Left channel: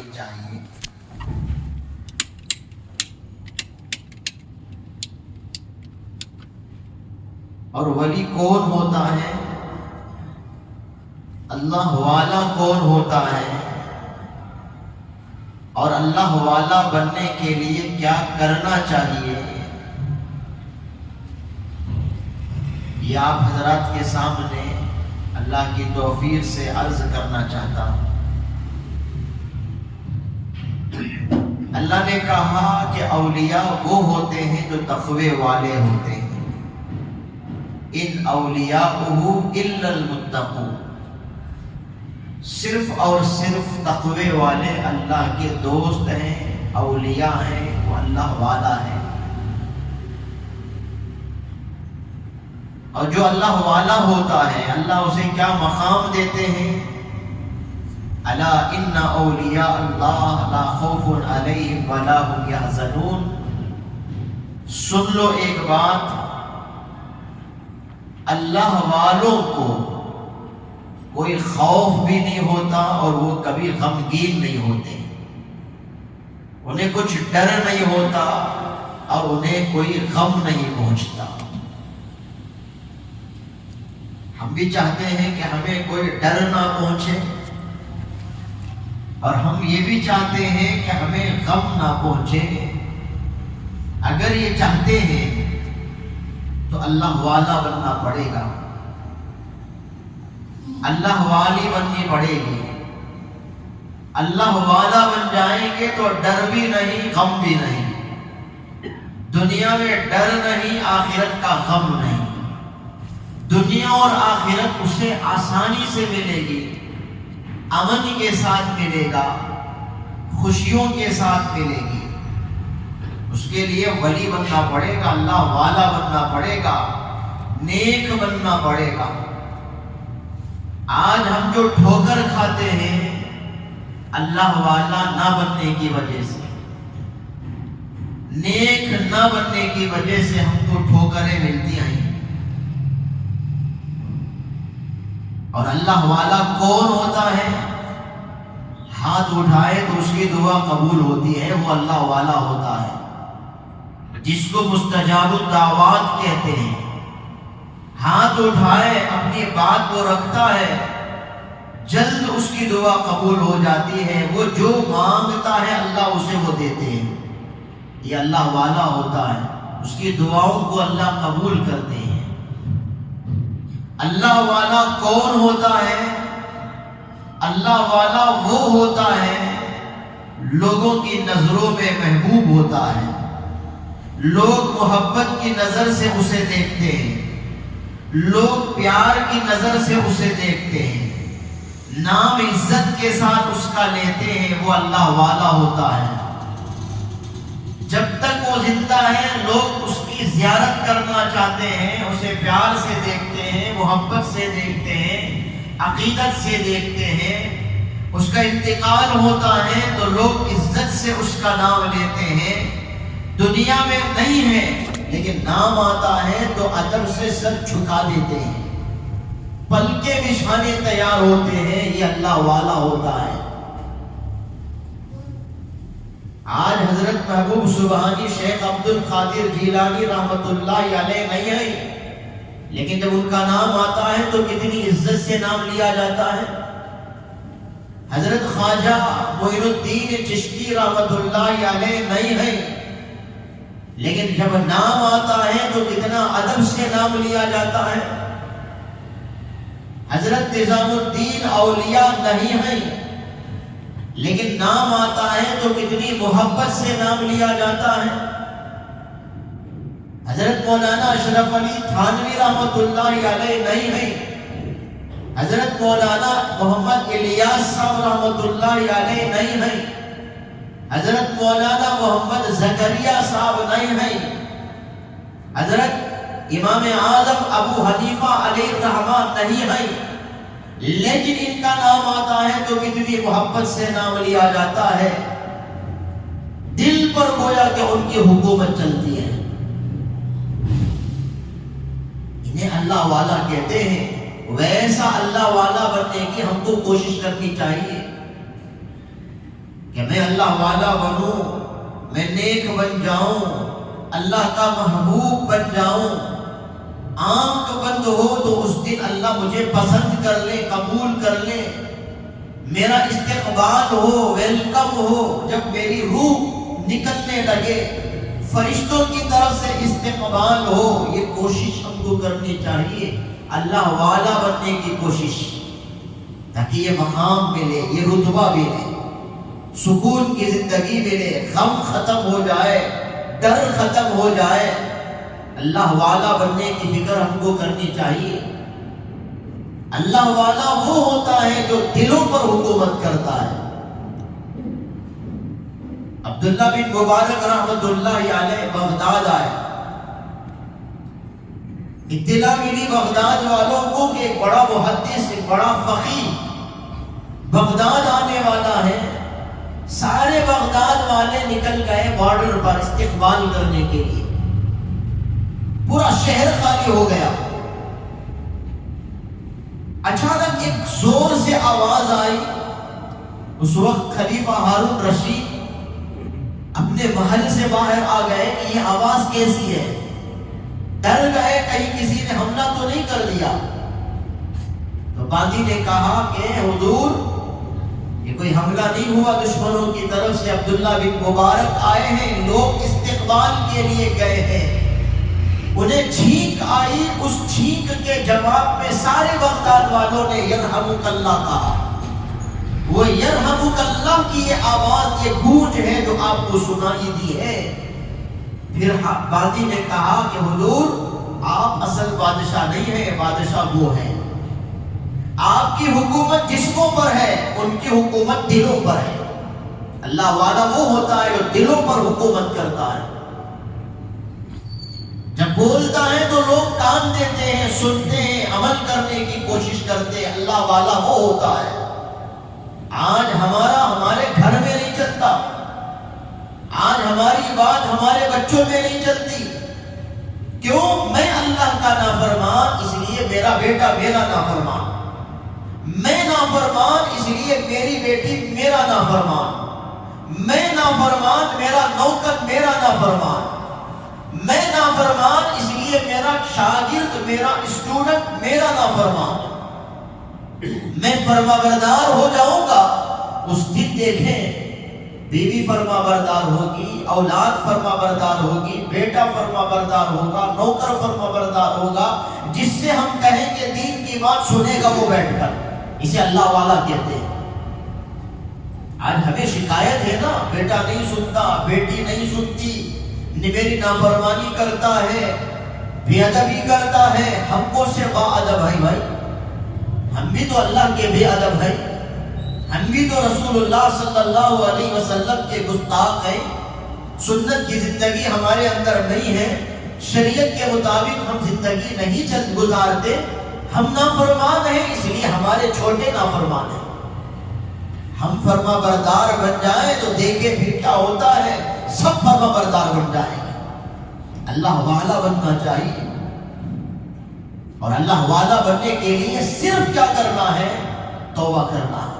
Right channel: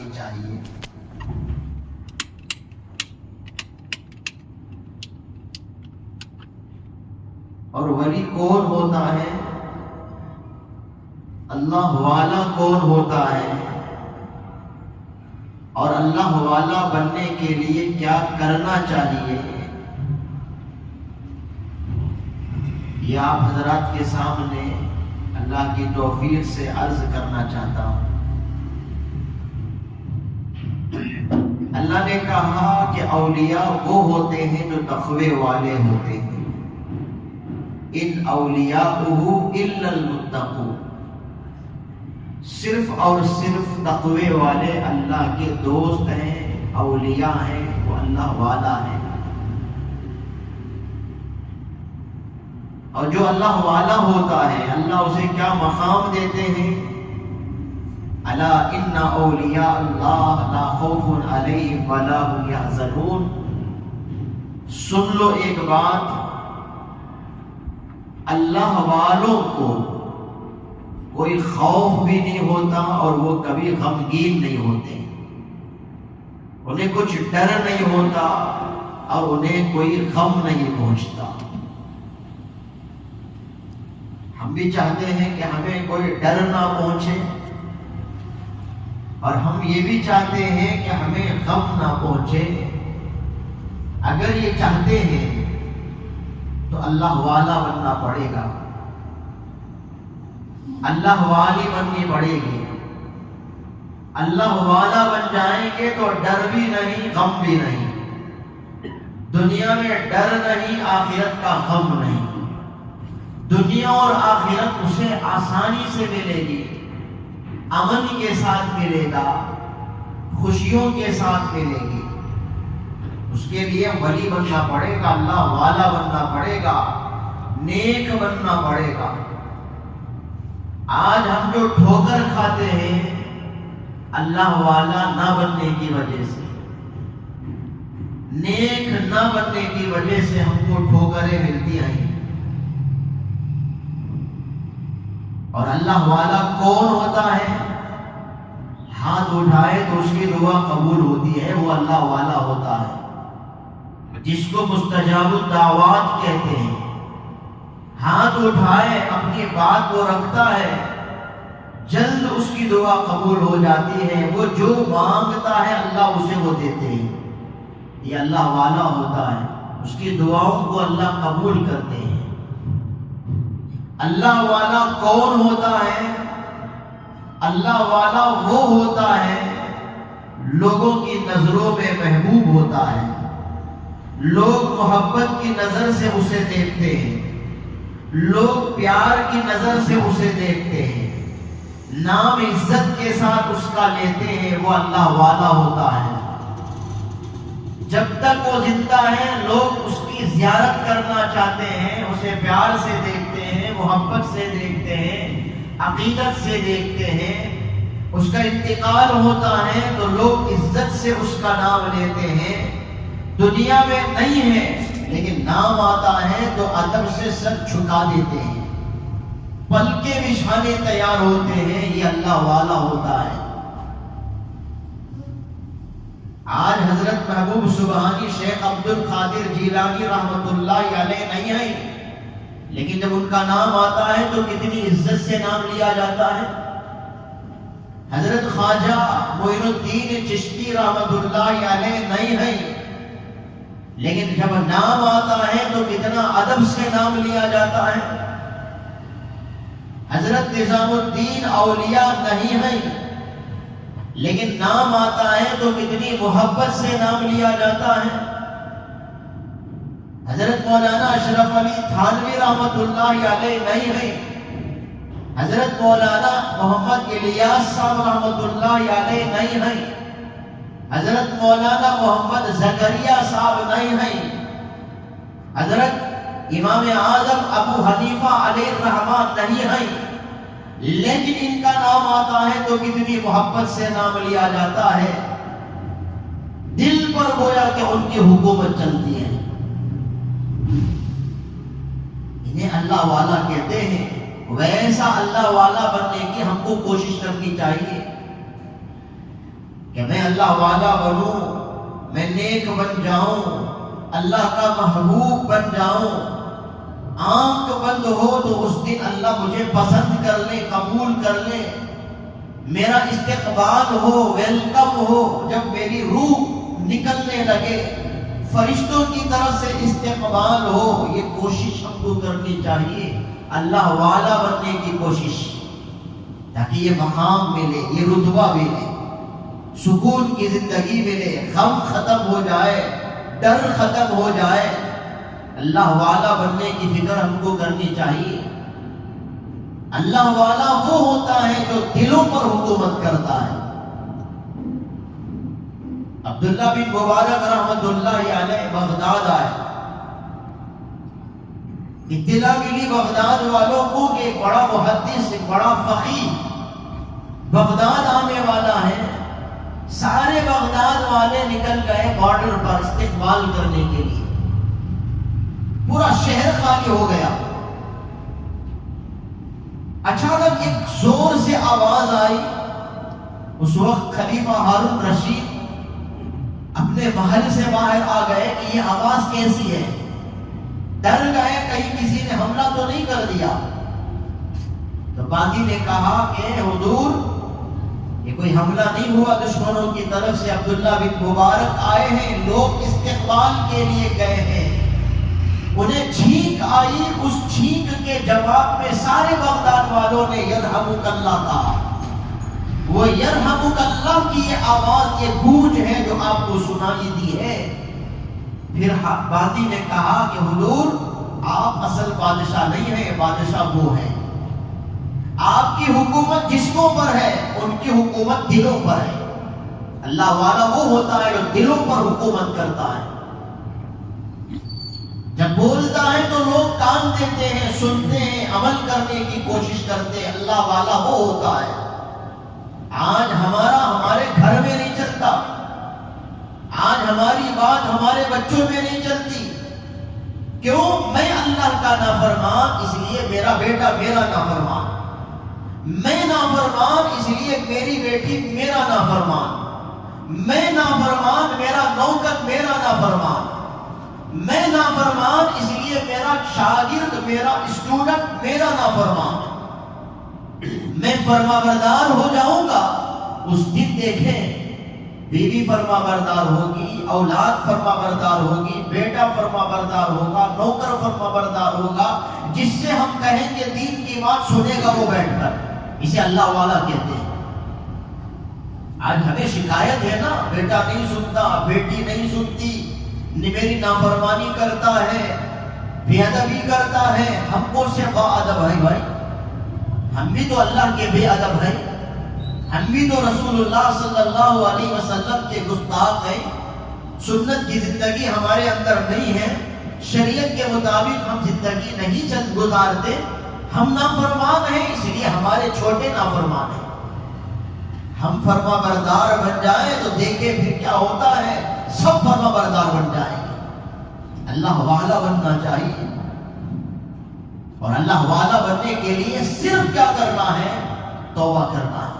کرنی چاہیے۔ اور ولی کون ہوتا ہے، اللہ والا کون ہوتا ہے، اور اللہ والا بننے کے لیے کیا کرنا چاہیے، یہ آپ حضرات کے سامنے اللہ کی توفیق سے عرض کرنا چاہتا ہوں۔ اللہ نے کہا کہ اولیاء وہ ہوتے ہیں جو تقوی والے ہوتے ہیں، ان اولیاءہ الا المتقون، صرف اور صرف تقوی والے اللہ کے دوست ہیں، اولیاء ہیں، وہ اللہ والا ہے۔ اور جو اللہ والا ہوتا ہے اللہ اسے کیا مقام دیتے ہیں، الا ان اولیاء اللہ لا خوف علیہم ولا هم یحزنون۔ سن لو ایک بات، اللہ والوں کو کوئی خوف بھی نہیں ہوتا اور وہ کبھی غمگین نہیں ہوتے، انہیں کچھ ڈر نہیں ہوتا اور انہیں کوئی غم نہیں پہنچتا۔ ہم بھی چاہتے ہیں کہ ہمیں کوئی ڈر نہ پہنچے، اور ہم یہ بھی چاہتے ہیں کہ ہمیں غم نہ پہنچے۔ اگر یہ چاہتے ہیں تو اللہ والا بننا پڑے گا، اللہ والی بننی پڑے گی۔ اللہ والا بن جائیں گے تو ڈر بھی نہیں، غم بھی نہیں، دنیا میں ڈر نہیں، آخرت کا غم نہیں، دنیا اور آخرت اسے آسانی سے ملے گی، امن کے ساتھ ملے گا، خوشیوں کے ساتھ ملے گی۔ اس کے لیے ولی بننا پڑے گا، اللہ والا بننا پڑے گا، نیک بننا پڑے گا۔ آج ہم جو ٹھوکر کھاتے ہیں اللہ والا نہ بننے کی وجہ سے، نیک نہ بننے کی وجہ سے ہم کو ٹھوکریں ملتی ہیں۔ اور اللہ والا کون ہوتا ہے، ہاتھ اٹھائے تو اس کی دعا قبول ہوتی ہے، وہ اللہ والا ہوتا ہے، جس کو مستجاب الدعوات کہتے ہیں۔ ہاتھ اٹھائے اپنی بات کو رکھتا ہے، جلد اس کی دعا قبول ہو جاتی ہے، وہ جو مانگتا ہے اللہ اسے وہ دیتے ہیں۔ یہ اللہ والا ہوتا ہے، اس کی دعاؤں کو اللہ قبول کرتے ہیں۔ اللہ والا کون ہوتا ہے، اللہ والا وہ ہوتا ہے لوگوں کی نظروں میں محبوب ہوتا ہے، لوگ محبت کی نظر سے اسے دیکھتے ہیں، لوگ پیار کی نظر سے اسے دیکھتے ہیں، نام عزت کے ساتھ اس کا لیتے ہیں، وہ اللہ والا ہوتا ہے۔ جب تک وہ زندہ ہے لوگ اس کی زیارت کرنا چاہتے ہیں، اسے پیار سے دیکھتے ہیں، محبت سے دیکھتے ہیں، عقیدت سے دیکھتے ہیں۔ اس کا انتقال ہوتا ہے تو لوگ عزت سے اس کا نام لیتے ہیں، دنیا میں نہیں ہے لیکن نام آتا ہے تو ادب سے سر جھکا دیتے ہیں، پلکیں بچھانے تیار ہوتے ہیں، یہ اللہ والا ہوتا ہے۔ آج حضرت محبوب سبحانی شیخ عبد القادر جیلانی رحمت اللہ علیہ نہیں ہیں، لیکن جب ان کا نام آتا ہے تو کتنی عزت سے نام لیا جاتا ہے۔ حضرت خواجہ معین الدین چشتی رحمت اللہ علیہ نہیں ہیں، لیکن جب نام آتا ہے تو کتنا ادب سے نام لیا جاتا ہے۔ حضرت نظام الدین اولیاء نہیں ہیں، لیکن نام آتا ہے تو کتنی محبت سے نام لیا جاتا ہے۔ حضرت مولانا اشرف علی تھانوی رحمت اللہ علیہ نہیں ہیں، حضرت مولانا محمد الیاس صاحب رحمت اللہ علیہ نہیں ہیں، حضرت مولانا محمد زکریا صاحب نہیں ہیں، حضرت امام اعظم ابو حنیفہ علیہ الرحمہ نہیں ہیں، لیکن ان کا نام آتا ہے تو کتنی محبت سے نام لیا جاتا ہے، دل پر گویا کہ ان کی حکومت چلتی ہے۔ انہیں اللہ والا کہتے ہیں۔ ویسا اللہ والا بننے کی ہم کو کوشش کرنی چاہیے۔ کہ میں اللہ والا بنوں، میں نیک بن جاؤں، اللہ کا محبوب بن جاؤں، آنکھ بند ہو تو اس دن اللہ مجھے پسند کر لے، قبول کر لے، میرا استقبال ہو، ویلکم ہو، جب میری روح نکلنے لگے فرشتوں کی طرف سے استقبال ہو، یہ کوشش ہم کو کرنی چاہیے، اللہ والا بننے کی کوشش، تاکہ یہ مقام ملے، یہ رتبہ ملے، سکون کی زندگی ملے، غم ختم ہو جائے، ڈر ختم ہو جائے۔ اللہ والا بننے کی فکر ہم کو کرنی چاہیے۔ اللہ والا وہ ہوتا ہے جو دلوں پر حکومت کرتا ہے۔ عبداللہ بن مبارک رحمت اللہ علیہ بغداد آئے، اطلاع ملی بغداد والوں کو کہ ایک بڑا محدث، ایک بڑا فقیہ بغداد آنے والا ہے۔ سارے بغداد والے نکل گئے بارڈر پر استقبال کرنے کے لیے، پورا شہر خالی ہو گیا۔ اچانک ایک زور سے آواز آئی۔ اس وقت خلیفہ ہارون رشید اپنے محل سے باہر آ گئے کہ یہ آواز کیسی ہے، ڈر گئے کہیں کسی نے حملہ تو نہیں کر دیا۔ تو باندی نے کہا کہ حضور یہ کوئی حملہ نہیں ہوا دشمنوں کی طرف سے، عبداللہ بن مبارک آئے ہیں، لوگ استقبال کے لیے گئے ہیں۔ انہیں چھینک آئی، اس چھینک کے جواب میں سارے بغداد والوں نے یرحمک اللہ کہا۔ وہ یرحمک اللہ کی یہ آواز، یہ گونج ہے جو آپ کو سنائی دی ہے۔ پھر باندی نے کہا کہ حضور آپ اصل بادشاہ نہیں ہیں، بادشاہ وہ ہے، آپ کی حکومت جسموں پر ہے، ان کی حکومت دلوں پر ہے۔ اللہ والا وہ ہوتا ہے جو دلوں پر حکومت کرتا ہے۔ جب بولتا ہے تو لوگ کان دیتے ہیں، سنتے ہیں، عمل کرنے کی کوشش کرتے ہیں۔ اللہ والا وہ ہوتا ہے۔ آج ہمارے گھر میں نہیں چلتا، آج ہماری بات ہمارے بچوں میں نہیں چلتی۔ کیوں؟ میں اللہ کا نافرمان، اس لیے میرا بیٹا میرا نافرمان، میں نافرمان اس لیے میری بیٹی میرا نافرمان، میں نافرمان میرا نوکر میرا نافرمان، میں نافرمان اس لیے میرا شاگرد میرا اسٹوڈنٹ میرا نافرمان۔ میں فرما بردار ہو جاؤں گا، اس دن دیکھیں بیوی فرما بردار ہوگی، اولاد فرما بردار ہوگی، بیٹا فرما بردار ہوگا، نوکر فرما بردار ہوگا، جس سے ہم کہیں کہ دین کی بات سنے گا وہ بیٹھ کر، اسے اللہ والا کہتے ہیں۔ آج ہمیں شکایت ہے نا، بیٹا نہیں سنتا، بیٹی نہیں سنتی، میری نافرمانی کرتا ہے، بے ادبی کرتا ہے۔ ہم کو صرف با ادب ہے بھائی، ہم بھی تو اللہ کے بے ادب ہے، ہم بھی تو رسول اللہ صلی اللہ علیہ وسلم کے گستاخ ہیں، سنت کی زندگی ہمارے اندر نہیں ہے، شریعت کے مطابق ہم زندگی نہیں گزارتے، ہم نافرمان ہیں، اس لیے ہمارے چھوٹے نافرمان ہیں۔ ہم فرما بردار بن جائیں تو دیکھیں پھر کیا ہوتا ہے، سب فرما بردار بن جائیں گے۔ اللہ والا بننا چاہیے، اور اللہ والا بننے کے لیے صرف کیا کرنا ہے؟ توبہ کرنا ہے،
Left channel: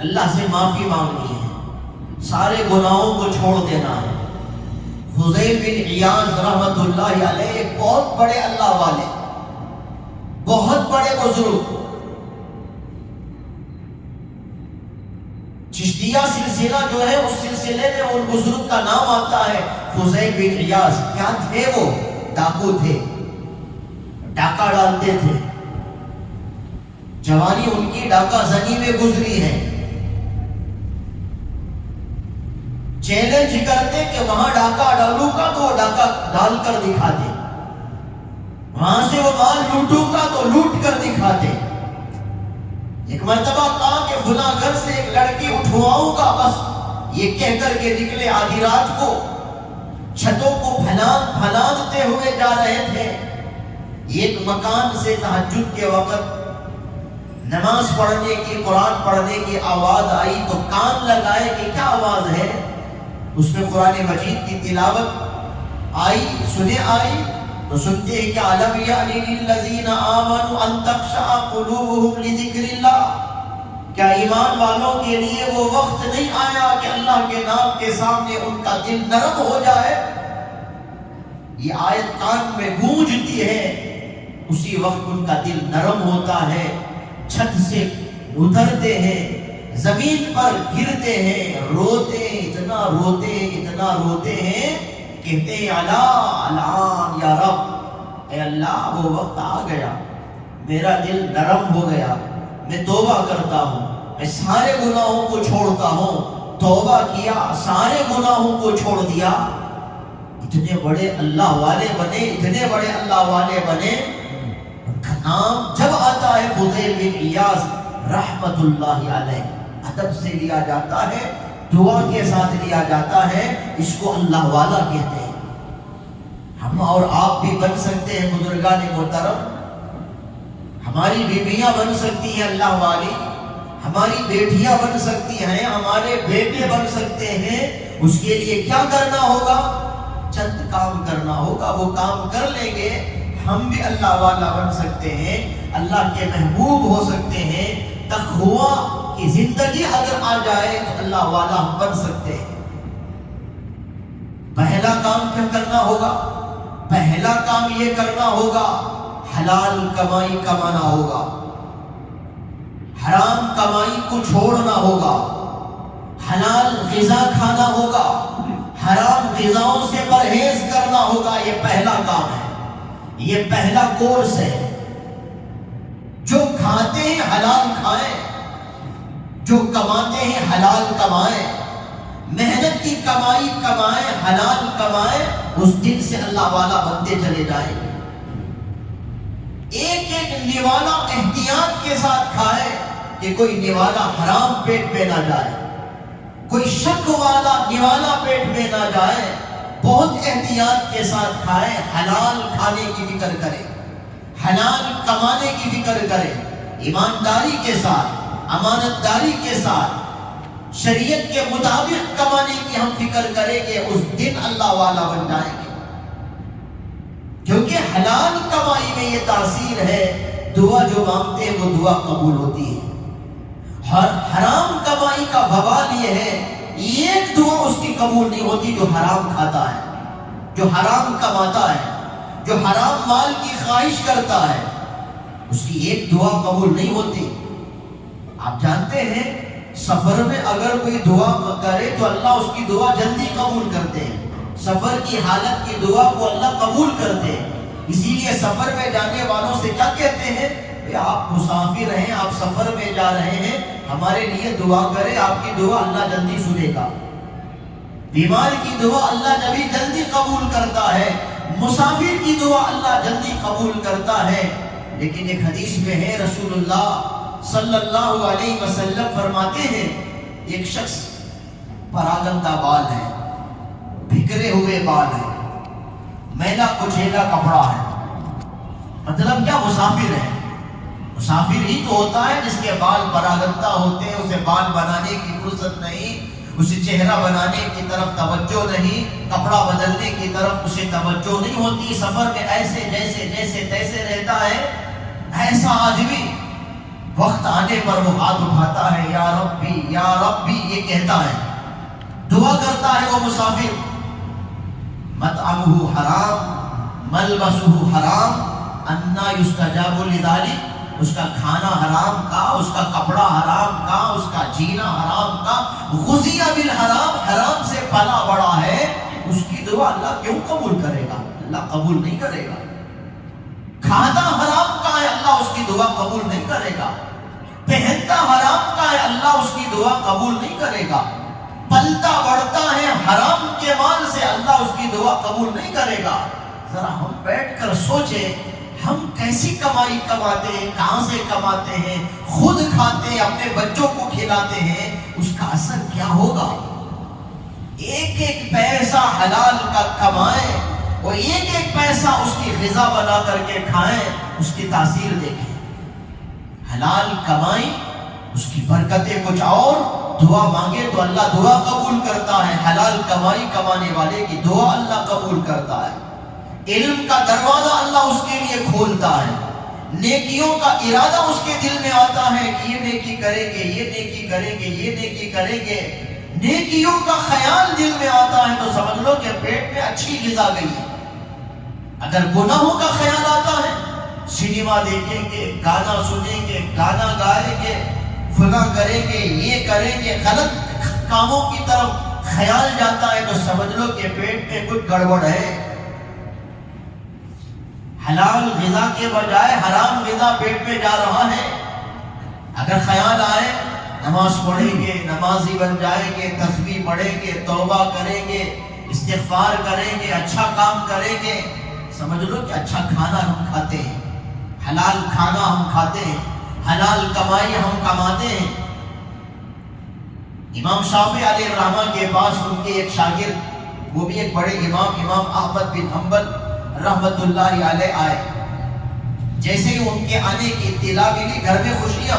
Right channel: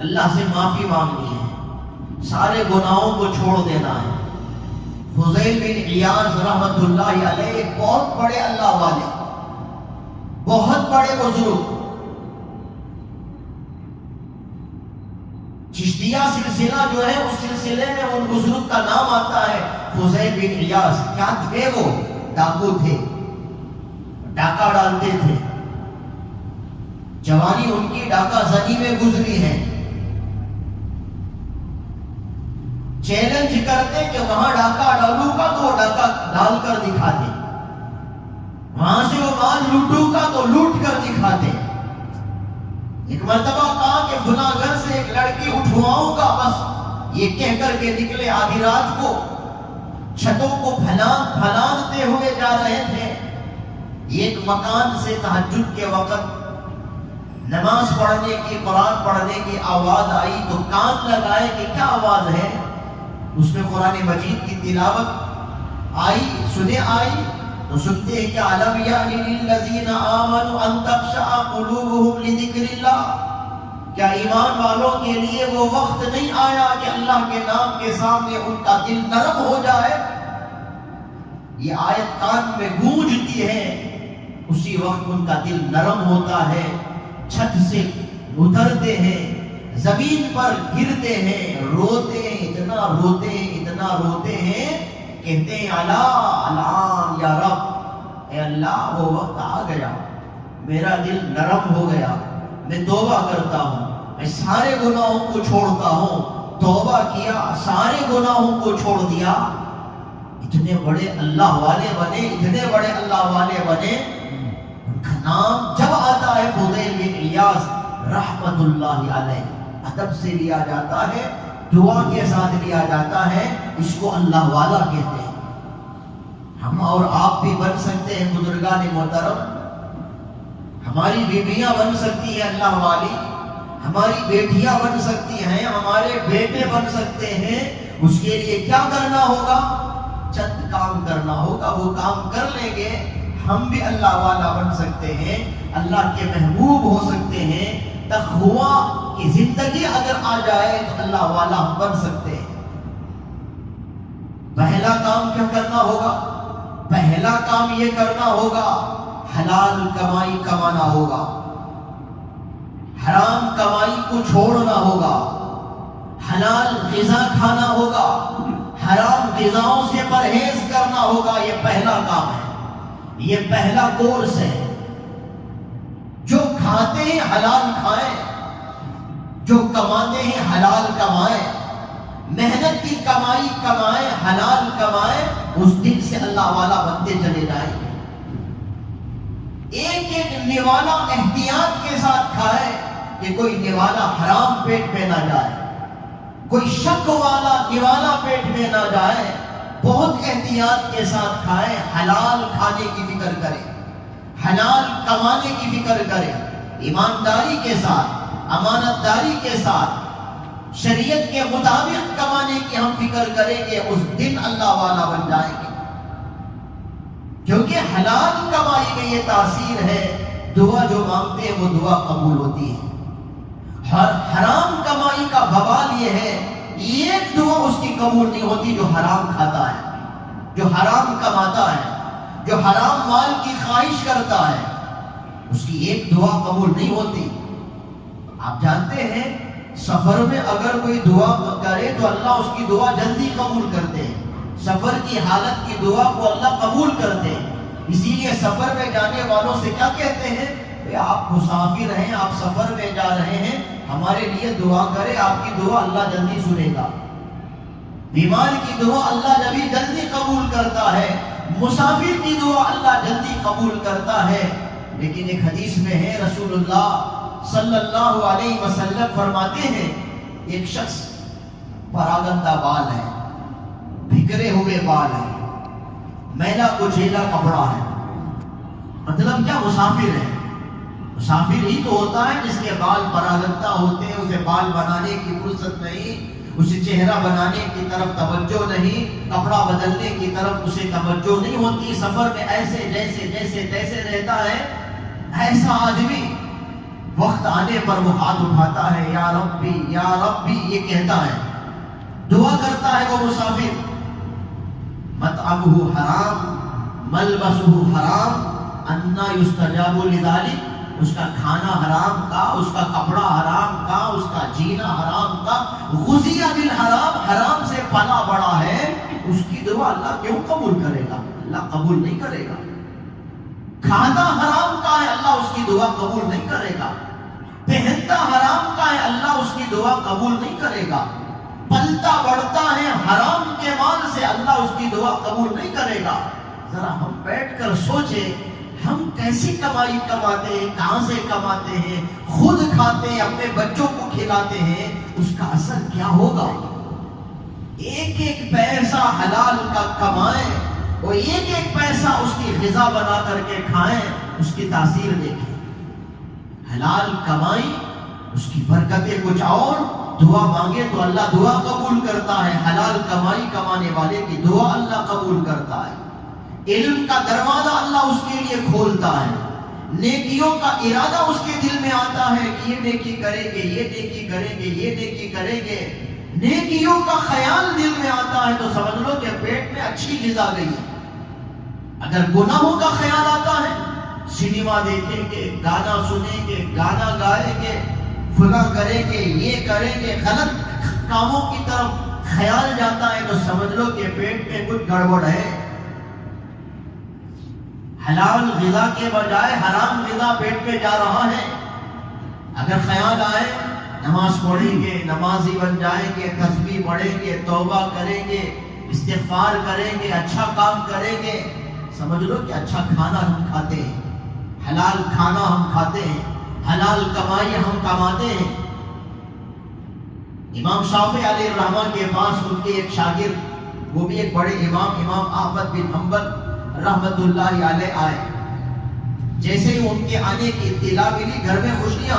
اللہ سے معافی مانگنی ہے، سارے گناہوں کو چھوڑ دینا ہے۔ فضیل بن عیاض رحمت اللہ علیہ ایک بہت بڑے اللہ والے، بہت بڑے بزرگ، چشتیہ سلسلہ جو ہے اس سلسلے میں ان بزرگ کا نام آتا ہے فضیل بن عیاض۔ کیا تھے وہ؟ ڈاکو تھے، ڈاکہ ڈالتے تھے، جوانی ان کی ڈاکہ زنی میں گزری ہے۔ چیلنج کرتے کہ وہاں ڈاکہ ڈالوں گا تو وہ ڈاکہ ڈال کر دکھاتے، وہاں سے وہ مال لوٹوں گا تو لوٹ کر دکھاتے۔ ایک مرتبہ کہا کہ گناہ گھر سے ایک لڑکی اٹھواؤں گا، بس یہ کہہ کر کے نکلے، آدھی رات کو چھتوں کو پھلانتے ہوئے جا رہے تھے۔ ایک مکان سے تہجد کے وقت نماز پڑھنے کی، قرآن پڑھنے کی آواز آئی تو کان لگائے کہ کیا آواز ہے، اس میں قرآن مجید کی تلاوت آئی، سنے آئی تو سنتے ہیں کہ أَلَمْ يَأْنِ لِلَّذِينَ آمَنُوا أَن تَخْشَعَ قُلُوبُهُمْ لِذِكْرِ اللَّهِ، کیا ایمان والوں کے لیے وہ وقت نہیں آیا کہ اللہ کے نام کے سامنے ان کا دل نرم ہو جائے؟ یہ آیت کان میں گونجتی ہے، اسی وقت ان کا دل نرم ہوتا ہے، چھت سے اترتے ہیں، زمین پر گرتے ہیں، روتے ہیں، اتنا روتے ہیں، اتنا روتے ہیں، کہتے ہیں الان یا رب، اے اللہ وہ وقت آ گیا، میرا دل نرم ہو گیا، میں توبہ کرتا ہوں، میں سارے گناہوں کو چھوڑتا ہوں، توبہ کیا، سارے گناہوں کو چھوڑ دیا، اتنے بڑے اللہ والے بنے، اتنے بڑے اللہ والے بنے۔ ان کا نام جب آتا ہے فضیل بن عیاض رحمت اللہ علیہ، ادب سے لیا جاتا ہے، دعا کے ساتھ لیا جاتا ہے، اس کو اللہ والا کہتے ہیں۔ ہم اور آپ بھی بن سکتے ہیں بزرگان محترم، ہماری بیویاں بن سکتی ہیں اللہ والی، ہماری بیٹیاں بن سکتی ہیں، ہمارے بیٹے بن سکتے ہیں۔ اس کے لیے کیا کرنا ہوگا؟ چند کام کرنا ہوگا، وہ کام کر لیں گے، ہم بھی اللہ والا بن سکتے ہیں، اللہ کے محبوب ہو سکتے ہیں۔ تقویٰ کی زندگی اگر آ جائے تو اللہ والا ہم بن سکتے ہیں۔ پہلا کام کیا کرنا ہوگا؟ پہلا کام یہ کرنا ہوگا، حلال کمائی کمانا ہوگا، حرام کمائی کو چھوڑنا ہوگا، حلال غذا کھانا ہوگا، حرام غذاؤں سے پرہیز کرنا ہوگا۔ یہ پہلا کام ہے، یہ پہلا کورس ہے۔ جو کھاتے ہیں حلال کھائیں، جو کماتے ہیں حلال کمائیں، محنت کی کمائی کمائیں، حلال کمائیں، اس دن سے اللہ والا بنتے چلے جائیں گے۔ ایک ایک نوالا احتیاط کے ساتھ کھائے کہ کوئی نوالا حرام پیٹ پہ نہ جائے، کوئی شک والا نوالا پیٹ میں نہ جائے، بہت احتیاط کے ساتھ کھائے، حلال کھانے کی فکر کرے، حلال کمانے کی فکر کرے، ایمانداری کے ساتھ، امانت داری کے ساتھ، شریعت کے مطابق کمانے کی ہم فکر کریں گے، اس دن اللہ والا بن جائیں گے۔ کیونکہ حلال کمائی میں یہ تاثیر ہے، دعا جو مانگتے ہیں وہ دعا قبول ہوتی ہے۔ حرام کمائی کا بوال یہ ہے، ایک دعا اس کی قبول نہیں ہوتی جو حرام کھاتا ہے، جو حرام کماتا ہے، جو حرام مال کی خواہش کرتا ہے، اس کی ایک دعا قبول نہیں ہوتی۔ آپ جانتے ہیں سفر میں اگر کوئی دعا کرے تو اللہ اس کی دعا جلدی قبول کرتے ہیں، سفر کی حالت کی دعا کو اللہ قبول کرتے ہیں۔ اسی لیے سفر میں جانے والوں سے کیا کہتے ہیں؟ آپ مسافر ہیں، آپ سفر میں جا رہے ہیں، ہمارے لیے دعا کرے، آپ کی دعا اللہ جلدی سنے گا۔ بیمار کی دعا اللہ جلدی قبول کرتا ہے، مسافر کی دعا اللہ جلدی قبول کرتا ہے۔ لیکن ایک حدیث میں ہے، رسول اللہ صلی اللہ علیہ وسلم فرماتے ہیں، ایک شخص پراگندہ بال ہے، بکھرے ہوئے بال ہے، میلا کچیلا کپڑا ہے، مطلب کیا؟ مسافر ہے۔ مسافر ہی تو ہوتا ہے جس کے بال پراگندہ ہوتے ہیں، اسے بال بنانے کی فرصت نہیں، اسے چہرہ بنانے کی طرف توجہ نہیں، کپڑا بدلنے کی طرف اسے توجہ نہیں ہوتی۔ سفر میں ایسے جیسے تیسے رہتا ہے، ایسا آدمی وقت آنے پر وہ ہاتھ اٹھاتا ہے، یا ربی یا ربی یہ کہتا ہے، دعا کرتا ہے وہ مسافر۔ مطعمہ حرام ملبسہ حرام انا یستجاب لذلک، اس کا کھانا حرام کا، اس کا کپڑا حرام کا، اس کا جینا حرام کا، غذی بالحرام، حرام سے پلا بڑا ہے، اس کی دعا اللہ کیوں قبول کرے گا؟ اللہ قبول نہیں کرے گا۔ کھانا حرام کا ہے، اللہ اس کی دعا قبول نہیں کرے گا۔ پہنتا حرام کا ہے، اللہ اس کی دعا قبول نہیں کرے گا۔ پلتا بڑھتا ہے حرام کے مال سے، اللہ اس کی دعا قبول نہیں کرے گا۔ ذرا ہم بیٹھ کر سوچیں، ہم کیسی کمائی کماتے ہیں، کہاں سے کماتے ہیں، خود کھاتے ہیں، اپنے بچوں کو کھلاتے ہیں، اس کا اثر کیا ہوگا؟ ایک ایک پیسہ حلال کا کمائیں اور ایک ایک پیسہ اس کی غذا بنا کر کے کھائیں، اس کی تاثیر دیکھیں۔ حلال کمائی، اس کی برکتیں کچھ اور، دعا مانگے تو اللہ دعا قبول کرتا ہے، حلال کمائی کمانے والے کی دعا اللہ قبول کرتا ہے۔ علم کا دروازہ اللہ اس کے لیے کھولتا ہے، نیکیوں کا ارادہ اس کے دل میں آتا ہے کہ یہ نیکی کریں گے، یہ نیکی کریں گے، یہ نیکی کریں گے، نیکیوں کا خیال دل میں آتا ہے تو سمجھ لو کہ پیٹ میں اچھی غذا گئی ہے۔ اگر گناہوں کا خیال آتا ہے، سنیما دیکھیں گے، گانا سنیں گے، گانا گائیں گے، فلاں کریں گے، یہ کریں گے، غلط کاموں کی طرف خیال جاتا ہے تو سمجھ لو کہ پیٹ میں کچھ گڑبڑ ہے۔ حلال غذا کے بجائے حرام غذا پیٹ میں جا رہا ہے۔ اگر خیال آئے نماز پڑھیں گے، نمازی بن جائیں گے، تسبیح پڑھیں گے، توبہ کریں گے، استغفار کریں گے، اچھا کام کریں گے، سمجھ لو کہ اچھا کھانا ہم کھاتے ہیں، حلال کھانا ہم کھاتے ہیں، حلال کمائی ہم کماتے ہیں۔ امام شافعی علیہ الرحمہ کے پاس ان کے ایک شاگرد، وہ بھی ایک بڑے امام احمد بن حنبل رحمت اللہ علیہ آئے۔ جیسے ہی ان کے آنے کی اطلاع ملی، گھر میں خوشیاں،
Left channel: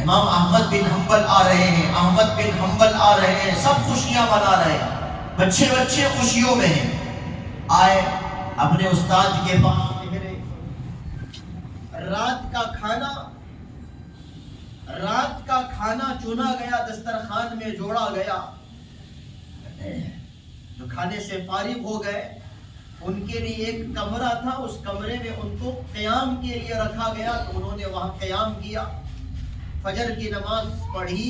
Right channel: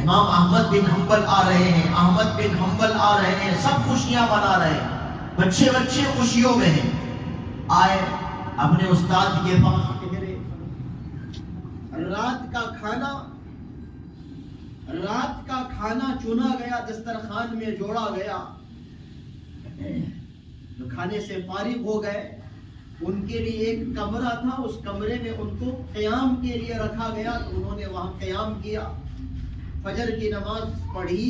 امام احمد بن حنبل آ رہے ہیں، احمد بن حنبل آ رہے ہیں، سب خوشیاں منا رہے ہیں، بچے خوشیوں میں ہیں۔ آئے اپنے استاد کے پاس، رات کا کھانا چنا گیا، دسترخوان میں جوڑا گیا، جو کھانے سے فارغ ہو گئے، ان کے لیے ایک کمرہ تھا، اس کمرے میں ان کو قیام کے لیے رکھا گیا، تو انہوں نے وہاں قیام کیا، فجر کی نماز پڑھی،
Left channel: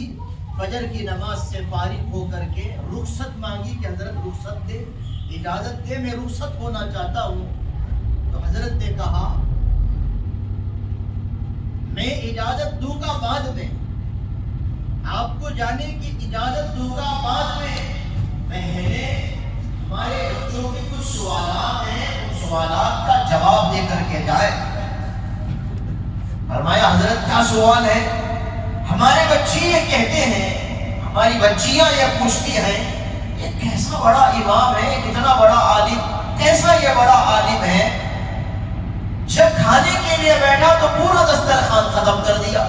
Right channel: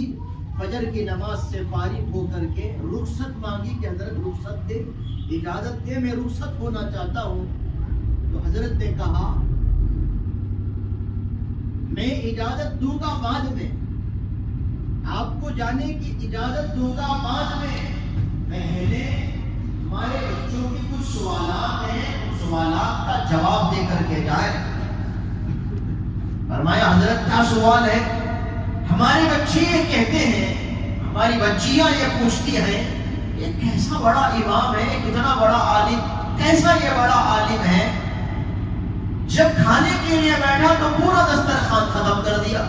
فجر کی نماز سے فارغ ہو کر کے رخصت مانگی کہ حضرت رخصت دے، اجازت دے، میں رخصت ہونا چاہتا ہوں۔ تو حضرت نے کہا میں اجازت دوں گا بعد میں، آپ کو جانے کی اجازت دوں گا بعد میں، پہلے ہمارے بچوں کے کچھ سوالات ہیں، ان سوالات کا جواب دے کر کے جائے۔ فرمایا حضرت کیا سوال ہے؟ ہمارے بچے یہ کہتے ہیں، ہماری بچیاں یہ پوچھتی ہیں، یہ کیسا بڑا امام ہے، کتنا بڑا عالم، کیسا یہ بڑا عالم ہے، جب کھانے کے لیے بیٹھا تو پورا دسترخوان ختم کر دیا،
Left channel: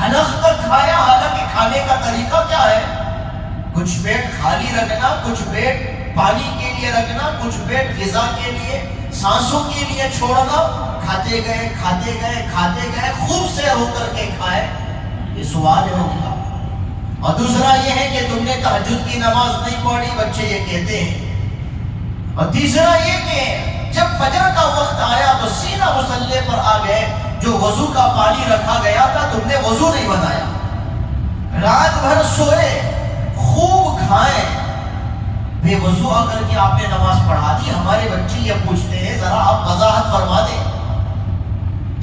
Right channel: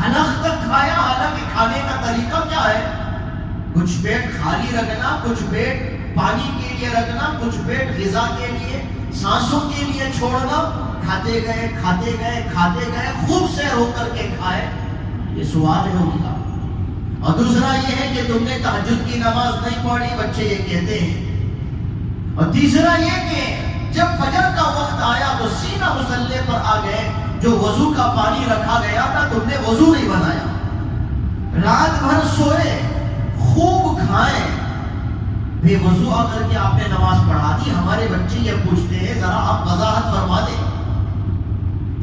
حلق تک کھایا، حالانکہ کھانے کا طریقہ کیا ہے؟ کچھ پیٹ خالی رکھنا، کچھ پیٹ پانی کے لیے رکھنا، کچھ پیٹ غذا کے لیے، سانسوں کے لیے چھوڑنا، کھاتے گئے، خوب سیر ہو کر کے کھائے۔ یہ سوال ہے ان کا۔ اور دوسرا یہ ہے کہ تم نے تہجد کی نماز نہیں پڑھی، بچے یہ کہتے ہیں۔ اور تیسرا یہ کہ جب فجر کا وقت آیا تو سینہ مصلے پر آ گئے، جو وضو کا پانی رکھا گیا تھا تم نے وضو نہیں بنایا، رات بھر سوئے، خوب کھائے، بے وضو آ کر کے آپ نے نماز پڑھا دی۔ ہمارے بچے یہ پوچھتے ہیں، ذرا آپ وضاحت فرما دیں۔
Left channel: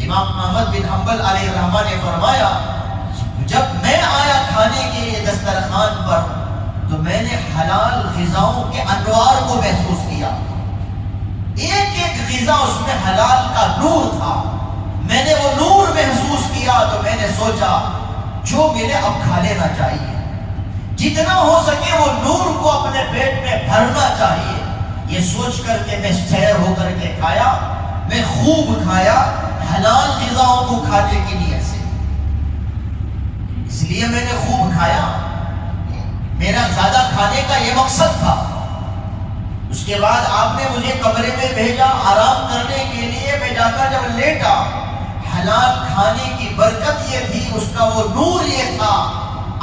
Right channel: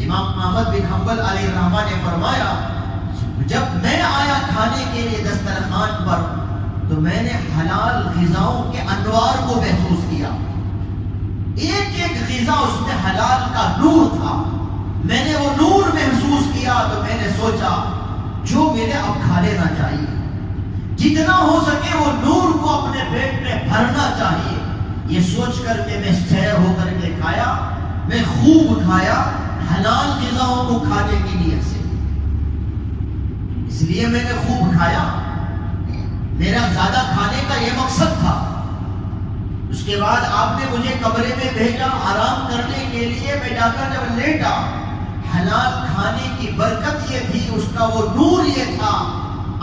امام احمد بن حنبل علیہ الرحمہ نے فرمایا، جب میں آیا کھانے کے لیے دسترخوان پر تو میں نے حلال غذاؤں کے انوار کو محسوس کیا، ایک ایک غذا اس میں حلال کا نور تھا، میں نے وہ نور محسوس کیا تو میں نے سوچا جو ملے اب کھا لینا چاہیے، جتنا ہو سکے وہ نور کو اپنے پیٹ میں بھرنا چاہیے۔ یہ سوچ کر کے میں سیر ہو کر کے کھایا، میں خوب کھایا، حلال غذاؤں کو کھانے کی نیت سے، اس لیے میں نے خوب کھایا، میرا زیادہ کھانے کا یہ مقصد تھا۔ اس کے بعد آپ نے مجھے کمرے میں بھیجا آرام کرنے کے لیے، میں جا کر جب لیٹا، حلال کھانے کی برکت یہ تھی، اس کا وہ نور یہ تھا،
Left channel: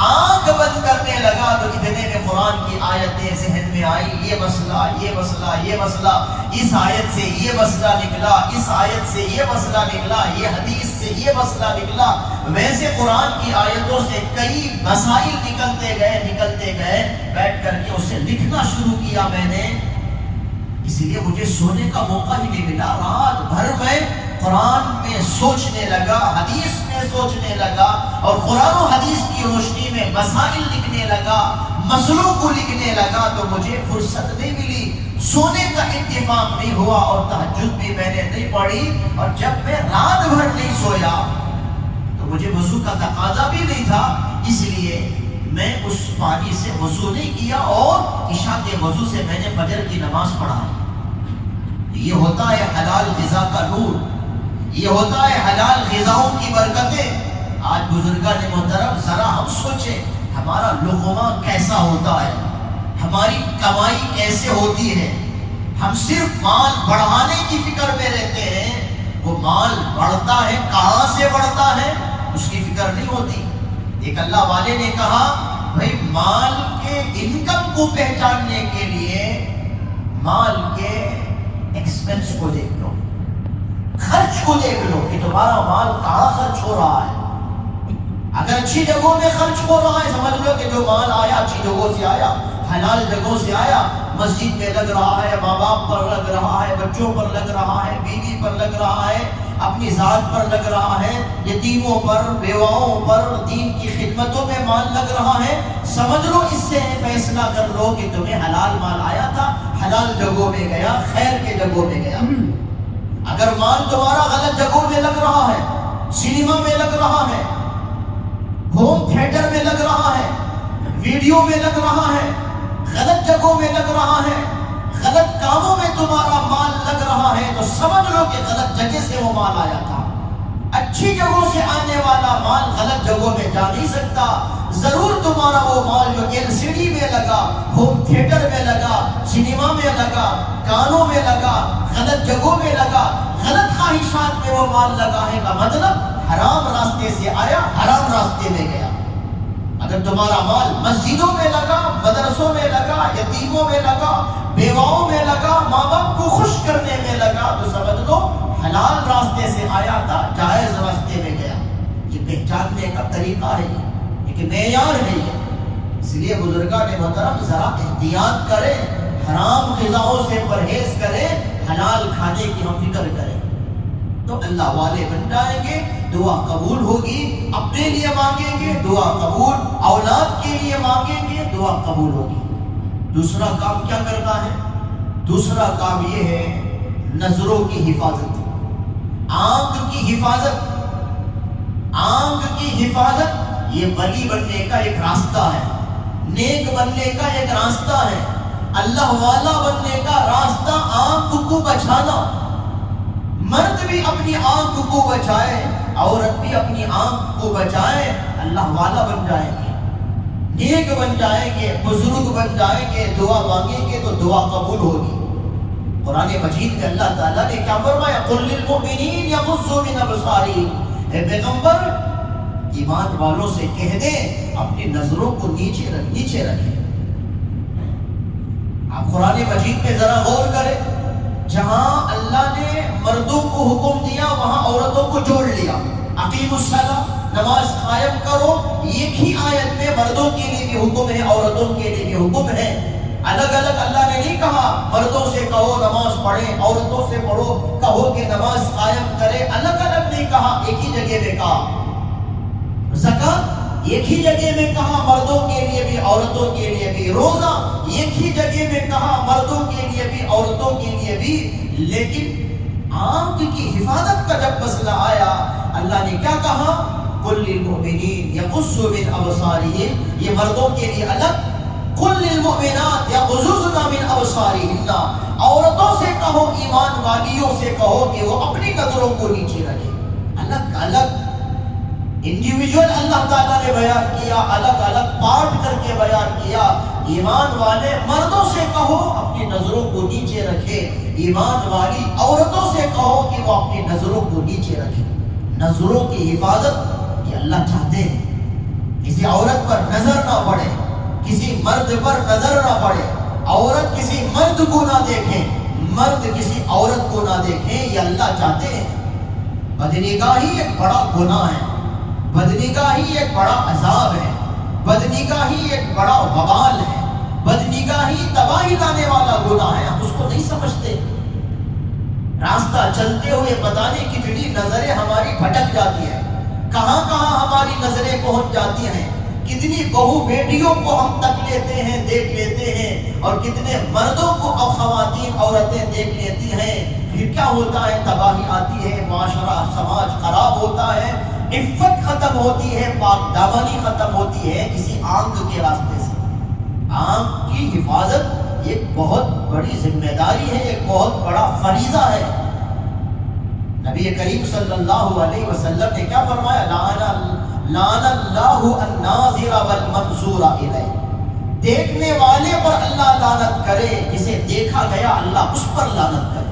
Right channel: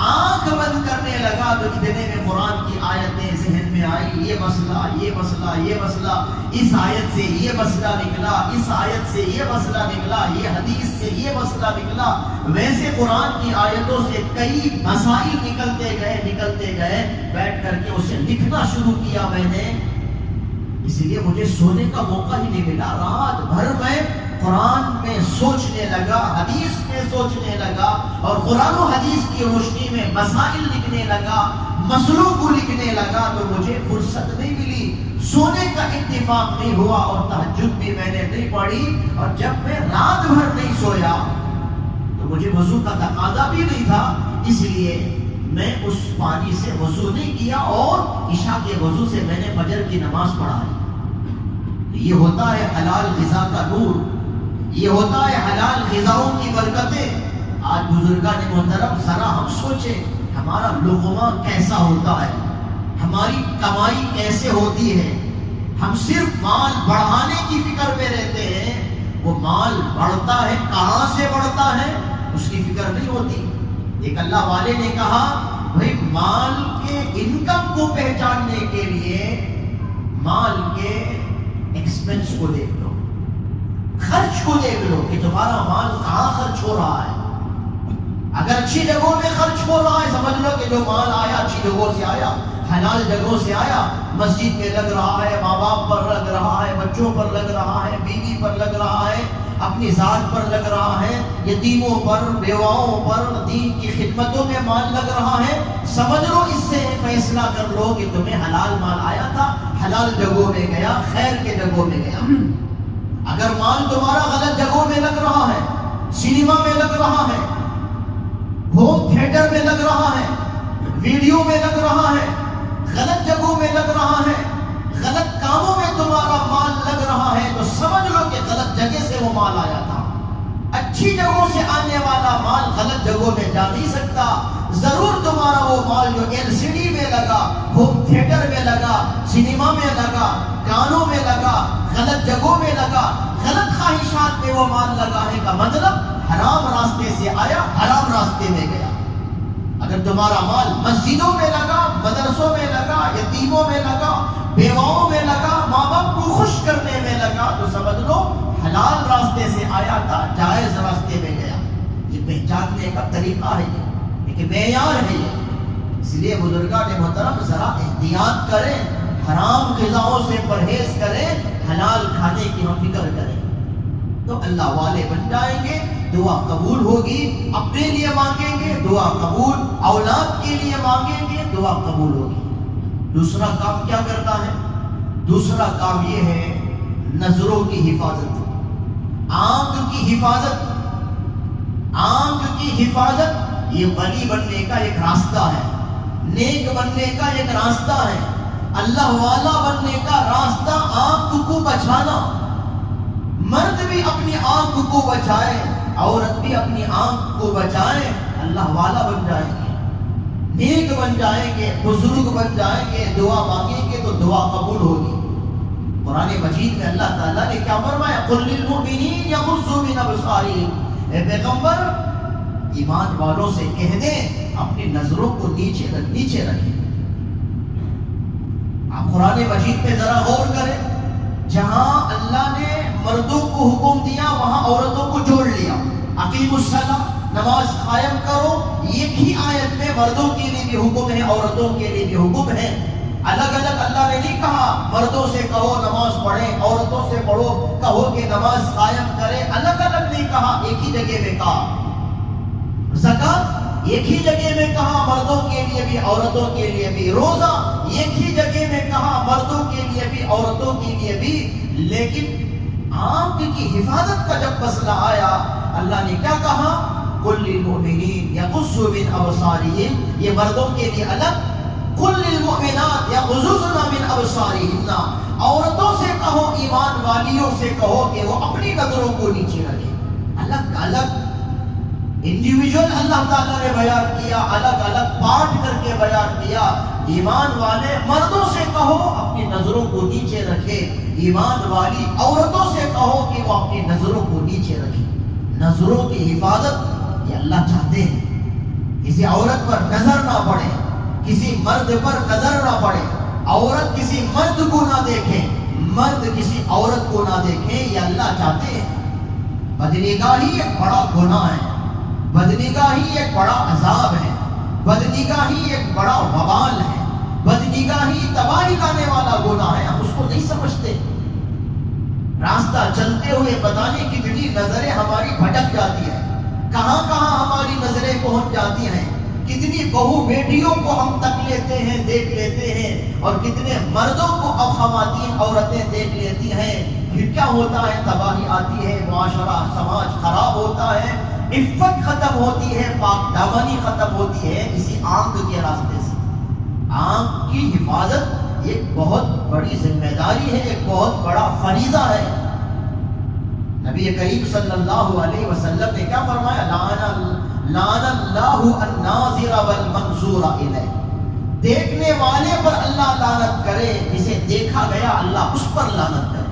آنکھ بند کرنے لگا تو اتنے میں قرآن کی آیتیں ذہن میں آئی، یہ مسئلہ، یہ مسئلہ، یہ مسئلہ، اس آیت سے یہ مسئلہ نکلا، اس آیت سے یہ مسئلہ نکلا، یہ حدیث سے یہ مسئلہ نکلا، ویسے قرآن کی آیتوں سے کئی مسائل نکلتے گئے، بیٹھ کر کے اسے لکھنا شروع کیا میں نے۔ اس لیے مجھے سونے کا موقع ہی نہیں ملا، رات بھر میں قرآن میں سوچنے لگا، حدیث میں سوچنے لگا، اور قرآن و حدیث کی روشنی میں مسائل لکھنے لگا، مسئلوں کو لکھنے لگا، تو مجھے فرصت نہیں ملی، سونے کا اتفاق نہیں ہوا، اور تہجد بھی میں نے نہیں پڑھی، اور جب میں رات بھر نہیں سویا تو مجھے وضو کا تقاضا بھی نہیں تھا، اس لیے میں اس پانی سے وضو نہیں کیا، اور عشاء کے وضو سے میں نے فجر کی نماز پڑھائی۔ یہ ہوتا ہے حلال غذا کا نور، یہ ہوتا ہے حلال غذاؤں کی برکتیں۔ آج بزرگان محترم ذرا ہم سوچیں ہمارا لقمہ کیسا ہوتا ہے، ہماری کمائی کیسے ہوتی ہے، ہم صرف مال بڑھانے کی فکر میں رہتے ہیں، وہ مال بڑھتا ہے کہاں سے بڑھتا ہے اس کی فکر نہیں ہوتی۔ ایک اللہ والے نے کہا بھائی مال کے انکم کو پہچاننے کے لیے مال کے ایکسپنس کو دیکھ لو، خرچ کو دیکھ لو کہ تمہارا مال کہاں خرچ ہو رہا ہے۔ اگر اچھی جگہوں میں خرچ ہو رہا ہے سمجھ لو کہ جو مال آیا اچھی جگہوں سے آیا، حلال جگہوں سے آیا، مسجد میں لگ رہا ہے، ماں باپ پر لگ رہا ہے، بچوں پر لگ رہا ہے، بیوی پر لگ رہا ہے، اپنی ذات پر لگ رہا ہے، یتیموں پر، بیواؤں پر، دین کی خدمتوں میں مال لگ رہا ہے، سمجھ لو اس سے فیصلہ کر لو کہ تمہیں حلال مال آیا تھا، حلال جگہوں میں گیا، خیر کے جگہوں میں گیا۔ اگر مال تمہارا غلط جگہوں میں لگ رہا ہے، سینما میں لگ رہا ہے، ہوم تھیٹر میں لگ رہا ہے، ویڈیو میں لگ رہا ہے، غلط جگہوں میں لگ رہا ہے، غلط کاموں میں تمہارا مال لگ رہا ہے، تو سمجھ لو کہ غلط جگہ سے وہ مال آیا تھا۔ اچھی جگہوں سے آنے والا مال غلط جگہوں میں جا نہیں سکتا۔ ضرور تمہارا وہ مال جو LCD میں لگا، ہوم تھیٹر میں لگا، سینما میں لگا، گانوں میں لگا، غلط جگہوں میں لگا، غلط خواہشات میں وہ مال لگا ہے کا مطلب حرام راستے سے آیا، حرام راستے میں گیا۔ اگر تمہارا مال مسجدوں میں لگا، مدرسوں میں لگا، یتیموں میں لگا، بیواؤں میں لگا، ماں باپ کو خوش کرنے میں لگا، تو سمجھ لو حلال راستے سے آیا تھا، جائز راستے میں گیا۔ یہ پہچاننے کا طریقہ ہے، ایک معیار ہے یہ۔ اس لیے بزرگان محترم ذرا احتیاط کریں، حرام غذاؤں سے پرہیز کریں، حلال کھانے کی ہم فکر کریں تو اللہ والے بن جائیں گے، دعا قبول ہوگی، اپنے لیے مانگیں گے دعا قبول، اولاد کے لیے مانگیں گے دعا قبول ہوگی۔ دوسرا کام کیا کرتا ہے؟ دوسرا کام یہ ہے نظروں کی حفاظت، آنکھ کی حفاظت۔ آنکھ کی حفاظت یہ ولی بننے کا ایک راستہ ہے، نیک بننے کا ایک راستہ ہے، اللہ والا بننے کا راستہ آنکھ کو بچانا۔ مرد بھی اپنی آنکھ کو بچائے، عورت بھی اپنی آنکھ کو بچائے، اللہ والا بن جائیں گے، نیک بن جائیں گے، بزرگ بن جائیں گے، دعا مانگیں گے تو دعا قبول ہوگی۔ قرآن مجید میں اللہ تعالیٰ نے کیا فرمایا؟ قل للمؤمنین یغضوا من ابصارہم، اے پیغمبر ایمان والوں سے کہہ دیں اپنی نظروں کو نیچے رکھیں۔ آپ قرآن مجید پہ ذرا غور کریں، جہاں اللہ نے مردوں کو حکم دیا وہاں عورتوں کو جوڑ لیا۔ اقیموا الصلاۃ، نماز قائم کرو، ایک ہی آیت میں مردوں کے لیے بھی حکم ہے، عورتوں کے لیے بھی حکم ہے۔ الگ الگ اللہ نے نہیں کہا مردوں سے کہو نماز پڑھیں، عورتوں سے کہو کہ نماز قائم کرے، الگ الگ نہیں کہا، ایک ہی جگہ میں کہا۔ زکات ایک ہی جگہ میں کہا، مردوں کے لیے بھی عورتوں کے لیے بھی۔ روزہ ایک ہی جگہ میں کہا، مردوں کے لیے بھی عورتوں کے لیے بھی۔ لیکن آنکھ کی حفاظت کا جب مسئلہ آیا اللہ نے کیا کہا؟ قل للمؤمنین یغضوا من ابصارہم، یہ مردوں کے لیے الگ۔ قل للمؤمنات یغضضن من ابصارہن، عورتوں سے کہو، ایمان والیوں سے کہو کہ وہ اپنی نظروں کو نیچے رکھیں۔ الگ الگ انڈیویجول اللہ تعالیٰ نے بیان کیا، الگ الگ پارٹ کر کے بیان کیا۔ ایمان والے مردوں سے کہو اپنی نظروں کو نیچے رکھے، ایمان والی عورتوں سے کہو کہ وہ اپنی نظروں کو نیچے رکھے۔ نظروں کی حفاظت یہ اللہ چاہتے ہیں، کسی عورت پر نظر نہ پڑے، کسی مرد پر نظر نہ پڑے، عورت کسی مرد کو نہ دیکھے، مرد کسی عورت کو نہ دیکھیں، یہ اللہ چاہتے ہیں۔ بدنگاہی ایک بڑا گناہ ہے، بدنگاہی ایک بڑا عذاب ہے، بدنگاہی ایک بڑا وبال ہے، بدنگاہی تباہی لانے والا گناہ ہے، ہم اس کو نہیں سمجھتے۔ راستہ چلتے ہوئے پتہ نہیں کتنی نظریں ہماری بھٹک جاتی ہیں، کہاں کہاں ہماری نظریں پہنچ جاتی ہیں، کتنی بہو بیٹیوں کو ہم تک لیتے ہیں، دیکھ لیتے ہیں، اور کتنے مردوں کو اب خواتین عورتیں دیکھ لیتی ہیں۔ پھر کیا ہوتا ہے؟ تباہی آتی ہے، معاشرہ سماج خراب ہوتا ہے، عفت ختم ہوتی ہے، پاک دامنی ختم ہوتی ہے اسی آنکھ کے راستے سے۔ آنکھ کی حفاظت ایک بہت بڑی ذمہ داری ہے، ایک بہت بڑا فریضہ ہے۔ نبی کریم صلی اللہ علیہ وسلم نے کیا فرمایا؟ لعن اللہ الناظر والمنظور الیہ، دیکھنے والے پر اللہ لعنت کرے، جسے دیکھا گیا اللہ اس پر لعنت کرے۔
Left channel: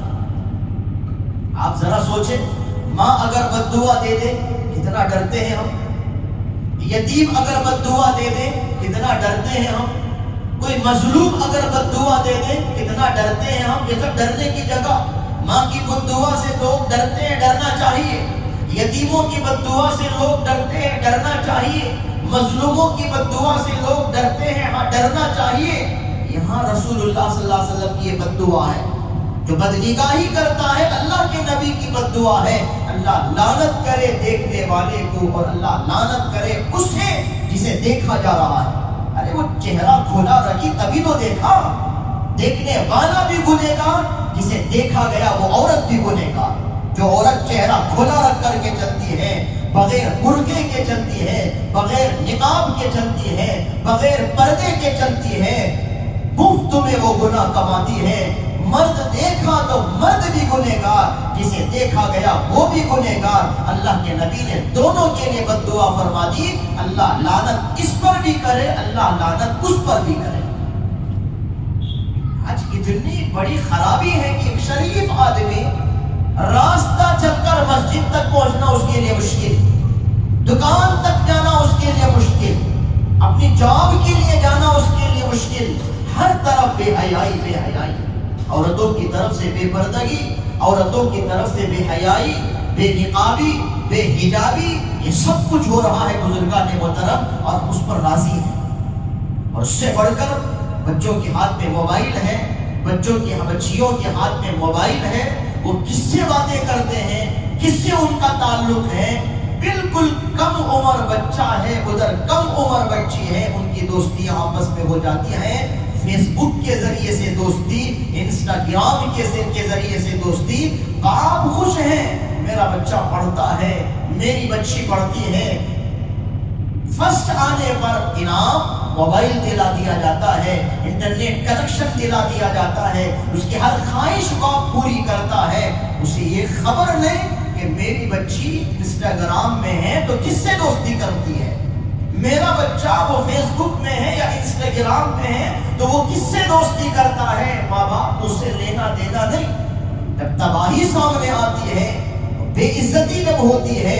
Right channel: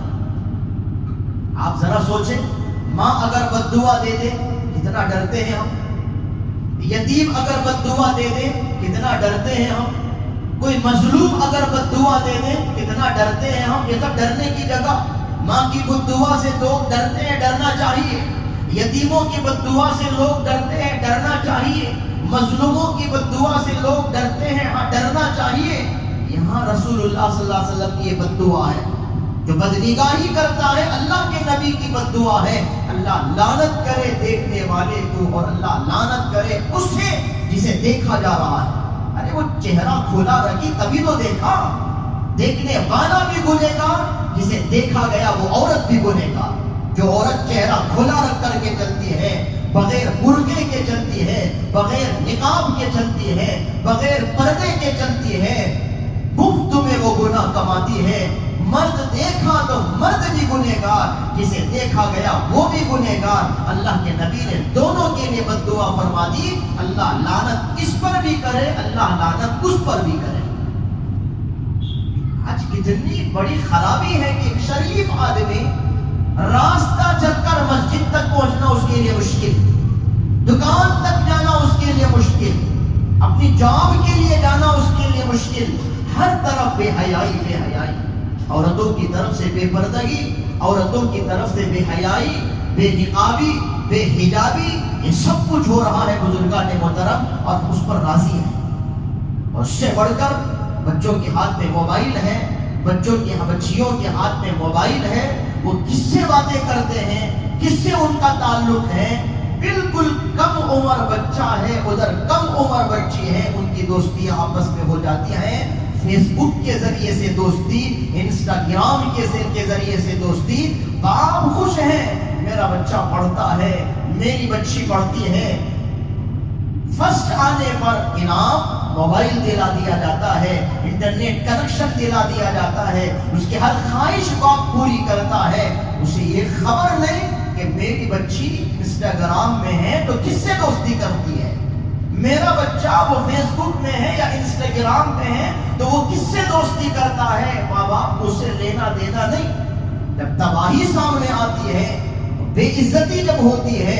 آپ ذرا سوچیں، ماں اگر بد دعا دے دے کتنا ڈرتے ہیں ہم، یتیم اگر بد دعا دے دے کتنا ڈرتے ہیں ہم، کوئی مظلوم اگر بد دعا دے دے کتنا ڈرتے ہیں ہم۔ یہ سب ڈرنے کی جگہ، ماں کی بد دعا سے لوگ ڈرتے ہیں، ڈرنا چاہیے۔ یتیموں کی بد دعا سے لوگ ڈرتے ہیں، ڈرنا چاہیے۔ مظلوموں کی بد دعا سے لوگ ڈرتے ہیں، ہاں ڈرنا چاہیے۔ یہاں رسول اللہ صلی اللہ علیہ وسلم کی یہ بد دعا ہے، جو بدنگاہی کرتا ہے اللہ کے نبی کی بد دعا ہے، اللہ لعنت کرے دیکھنے والے کو اور اللہ لعنت کرے اس سے جسے دیکھا جا رہا ہے۔ ارے وہ چہرہ کھولا رکھی تبھی تو دیکھا، دیکھنے والا بھی گنہگار، جسے دیکھا گیا وہ عورت بھی گنہگار۔ جو عورت چہرہ کھولا رکھ کر کے چلتی ہے، بغیر برقعے کے چلتی ہے، بغیر نقاب کے چلتی ہے، بغیر پردے کے چلتی ہے، مفت میں وہ گناہ کماتی ہے۔ مرد دیکھا تو مرد بھی گنہگار، جسے دیکھا گیا وہ بھی گنہگار۔ اللہ کے نبی نے دونوں کے لیے بد دعا فرما دی، اللہ لعنت اس پر بھی کرے، اللہ لعنت اس پر بھی کرے۔ آج کتنی بڑی خرابی ہے کہ ایک شریف آدمی راستہ چل کر مسجد تک پہنچنا اس کے لیے مشکل، دکان تک جانا اس کے لیے مشکل، اپنی جاب کے لیے جانا اس کے لیے مشکل، ہر طرف بے حیائی بے حیائی، عورتوں کی طرف سے بے پردگی، عورتوں کی طرف سے بے حیائی، بے نقابی، بے حجابی، یہ سب کچھ ہو رہا ہے بزرگان محترم، اور ہم اس پر راضی ہیں۔ اور اس سے بڑھ کر بچوں کے ہاتھ میں موبائل ہے، بچیوں کے ہاتھ میں موبائل ہے، وہ کس سے باتیں کرتے ہیں، کس سے ان کا تعلق ہے، بالکل کم عمر بچہ ہے ادھر کم عمر بچی ہے، ان کی دوستیاں آپس میں ہو جاتی ہیں، فیس بک کے ذریعے سے دوستی، انسٹاگرام کے ذریعے سے دوستی۔ باپ خوش ہیں، میرا بچہ پڑھتا ہے، میری بچی پڑھتی ہے، فرسٹ آنے پر انعام موبائل دلا دیا جاتا ہے، انٹرنیٹ کنیکشن دلا دیا جاتا ہے، اس کی ہر خواہش کو پوری کرتا ہے۔ اسے یہ خبر نہیں کہ میری بچی انسٹاگرام میں ہے تو کس سے دوستی کرتی ہے، میرا بچہ وہ فیس بک میں ہے یا انسٹاگرام میں ہے تو وہ کس سے دوستی کرتا ہے۔ ماں باپ کو اس سے لینا دینا نہیں۔ جب تباہی سامنے آتی ہے، بے عزتی جب ہوتی ہے،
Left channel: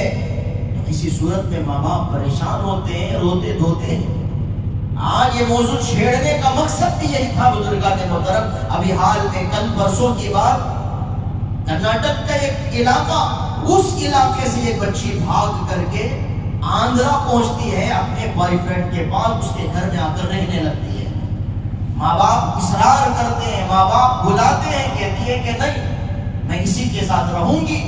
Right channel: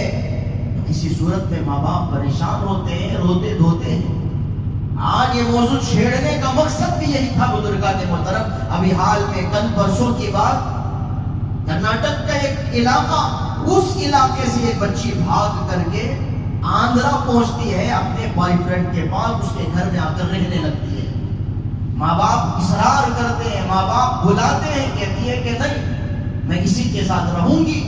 تو اسی صورت میں ماں باپ پریشان ہوتے ہیں، روتے دھوتے ہیں۔ آج یہ موضوع چھیڑنے کا مقصد بھی یہی تھا بزرگان محترم۔ ابھی حال میں کل پرسوں کی بات، کرناٹک کا ایک علاقہ، اس علاقے سے ایک بچی بھاگ کر کے آندھرا پہنچتی ہے اپنے بوائے فرینڈ کے پاس، اس کے گھر میں آ کر رہنے لگتی ہے۔ ماں باپ اصرار کرتے ہیں، ماں باپ بلاتے ہیں، کہتی ہے کہ نہیں میں اسی کے ساتھ رہوں گی،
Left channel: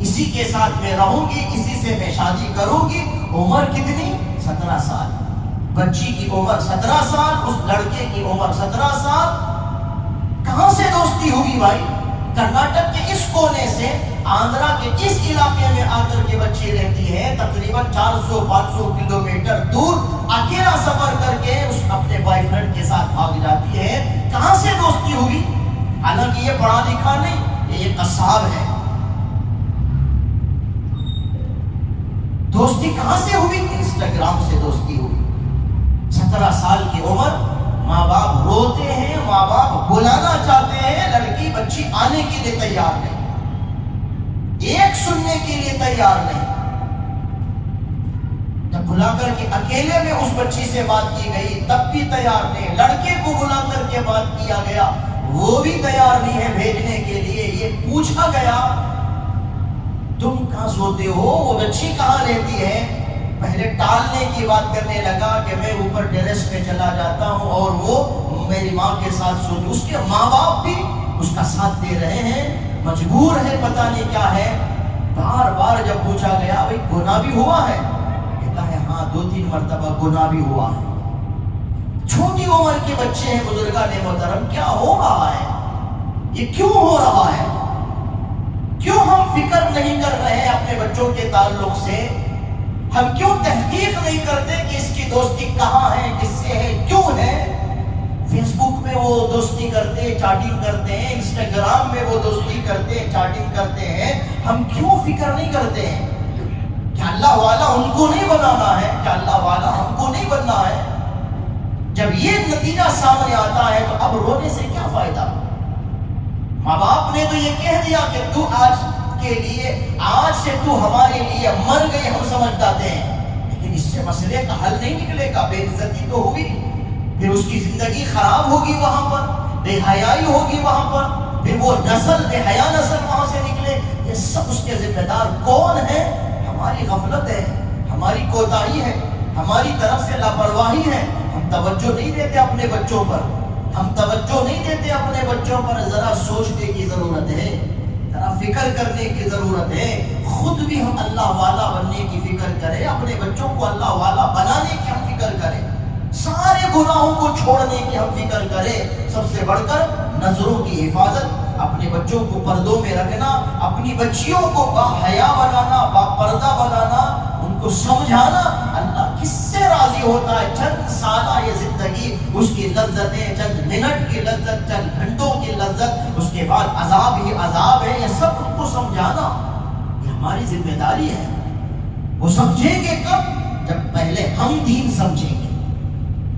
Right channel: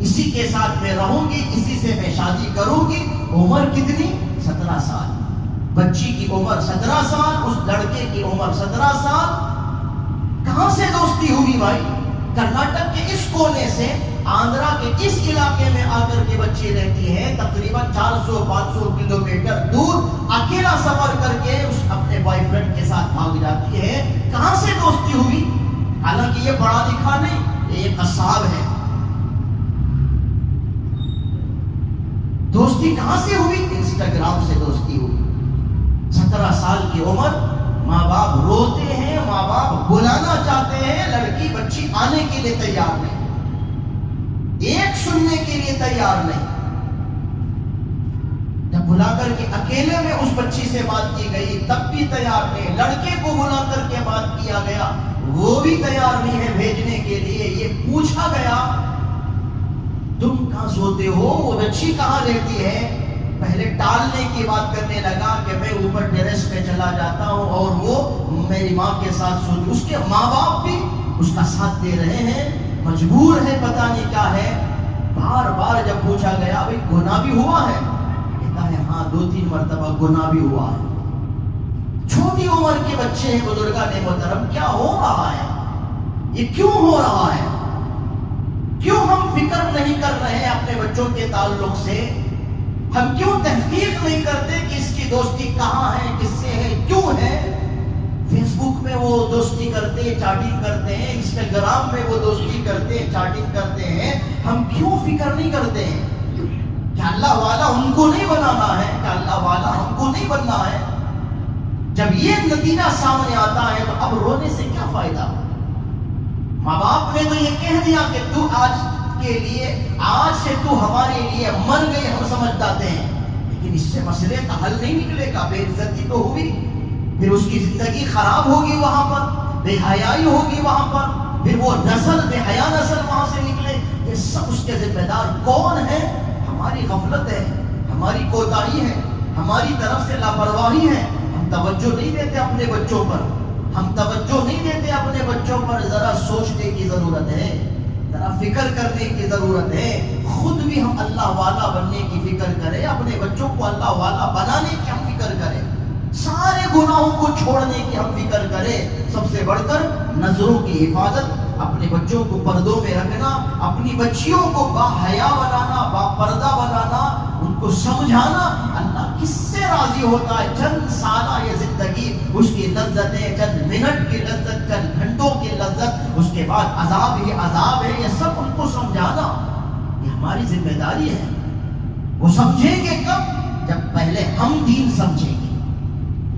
اسی کے ساتھ میں رہوں گی، اسی سے میں شادی کروں گی۔ عمر کتنی؟ 17 سال۔ بچی کی عمر 17 سال، اس لڑکے کی عمر 17 سال۔ کہاں سے دوستی ہوئی بھائی؟ کرناٹک کے اس کونے سے آندھرا کے اس علاقے میں آ کر کے بچی رہتی ہے، تقریباً 400-500 کلومیٹر دور اکیلا سفر کر کے اس اپنے بوائے فرینڈ کے ساتھ بھاگ جاتی ہے۔ کہاں سے دوستی ہوئی؟ حالانکہ یہ پڑھا لکھا نہیں، یہ قصاب ہے۔ دوستی کہاں سے ہوئی؟ انسٹاگرام سے دوستی ہوئی۔ 17 سال کی عمر، ماں باپ روتے ہیں، ماں باپ بلانا چاہتے ہیں، لڑکی بچی آنے کے لیے تیار نہیں، ایک سننے کے لیے تیار نہیں۔ جب بلا کر کے اکیلے میں اس بچی سے بات کی گئی تب بھی تیار نہیں، لڑکے کو بلا کر کے بات کیا گیا وہ بھی تیار نہیں ہے بھیجنے کے لیے۔ یہ پوچھا گیا تم کہاں سوتے ہو، وہ بچی کہاں رہتی ہے؟ پہلے ٹالنے کی بات کرنے لگا کہ میں اوپر ٹیرس پہ چلا جاتا ہوں اور وہ میری ماں کے ساتھ سوتی۔ اس کے ماں باپ بھی اس کا ساتھ دے رہے ہیں، مجبور ہے، پتہ نہیں کیا ہے۔ بار بار جب پوچھا گیا بھئی گناہ بھی ہوا ہے، کہتا ہے ہاں 2-3 مرتبہ گناہ بھی ہوا ہے۔ چھوٹی عمر کے بچے ہیں بزرگان محترم، کیا ہو رہا ہے؟ یہ کیوں ہو رہا ہے؟ کیوں ہم فکر نہیں کر رہے اپنے بچوں کے تعلق سے؟ ہم کیوں تحقیق نہیں کرتے کہ اس کی دوستی کہاں ہے، کس سے ہے، کیوں ہے؟ فیس بک میں وہ دوستی کرتے ہیں، چیٹنگ کرتے ہیں، انسٹاگرام میں وہ دوستی کرتے ہیں، چیٹنگ کرتے ہیں، ہم کیوں فکر نہیں کرتے ہیں؟ کیا اللہ والا ان کو نہیں بنانا ہے؟ کیا اللہ والا ہم کو نہیں بننا ہے؟ جب یہ نتیجہ سامنے آتا ہے تو اب رونے سے کیا فائدہ؟ ماں باپ نے تو یہ کہہ دیا کہ تو آج کے لیے، آج سے تو ہمارے لیے مر گئے، ہم سمجھ جاتے ہیں، لیکن اس سے مسئلے کا حل نہیں نکلے گا، بے عزتی تو ہوگی، پھر اس کی زندگی خراب ہوگی، وہاں پر بے حیائی ہوگی، وہاں پر پھر وہ نسل بے حیا نسل وہاں سے نکلے۔ یہ سب اس کے ذمہ دار کون ہے؟ ہماری غفلت ہے، ہماری کوتاہی ہے، ہماری طرف سے لاپرواہی ہے۔ ہم توجہ نہیں دیتے اپنے بچوں پر، ہم توجہ نہیں دیتے اپنے بچوں پر۔ ذرا سوچنے کی ضرورت ہے، ذرا فکر کرنے کی ضرورت ہے، خود بھی ہم اللہ والا بننے کی فکر کریں، اپنے بچوں کو اللہ والا بنانے کی ہم فکر کریں، سارے گناہوں کو چھوڑنے کی ہم فکر کریں۔ سب سے بڑھ کر نظروں کی حفاظت، اپنے بچوں کو پردوں میں رکھنا، اپنی بچیوں کو با حیا بنانا، با پردہ بنانا، ان کو سمجھانا۔ اللہ کس سے راضی ہوتا ہے؟ چند سالہ یہ زندگی، اس کی لذتیں، چند منٹ کی لذت، چند گھنٹوں کی لذت، اس کے بعد عذاب ہی عذاب ہے، یہ سب ان کو سمجھانا یہ ہماری ذمہ داری ہے۔ وہ سمجھیں گے کب؟ جب پہلے ہم دین سمجھیں گے،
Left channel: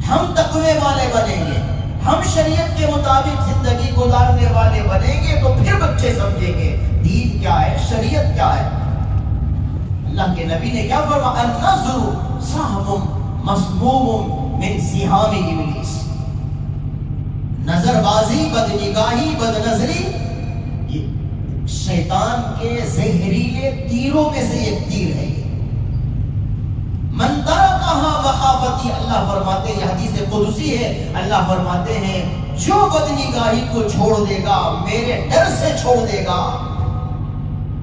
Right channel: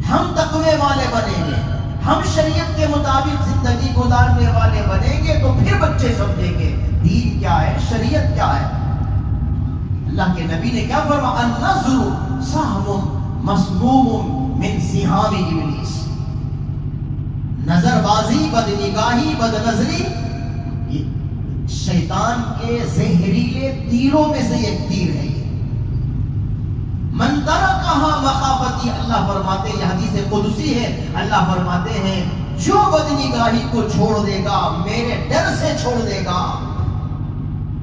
ہم تقوی والے بنیں گے، ہم شریعت کے مطابق زندگی گزارنے والے بنیں گے، تو پھر بچے سمجھیں گے دین کیا ہے، شریعت کیا ہے۔ اللہ کے نبی نے کیا فرمایا؟ النظر سہم مسموم من سہام ابلیس۔ نظر بازی، بد نگاہی، بد نظری یہ شیطان کے زہریلے تیروں میں سے ایک تیر ہے۔ من ترکہا مخافتی، اللہ فرماتے ہیں، یہ حدیث قدسی ہے، اللہ فرماتے ہیں جو بد نگاہی کو چھوڑ دے گا، میرے ڈر سے چھوڑ دے گا،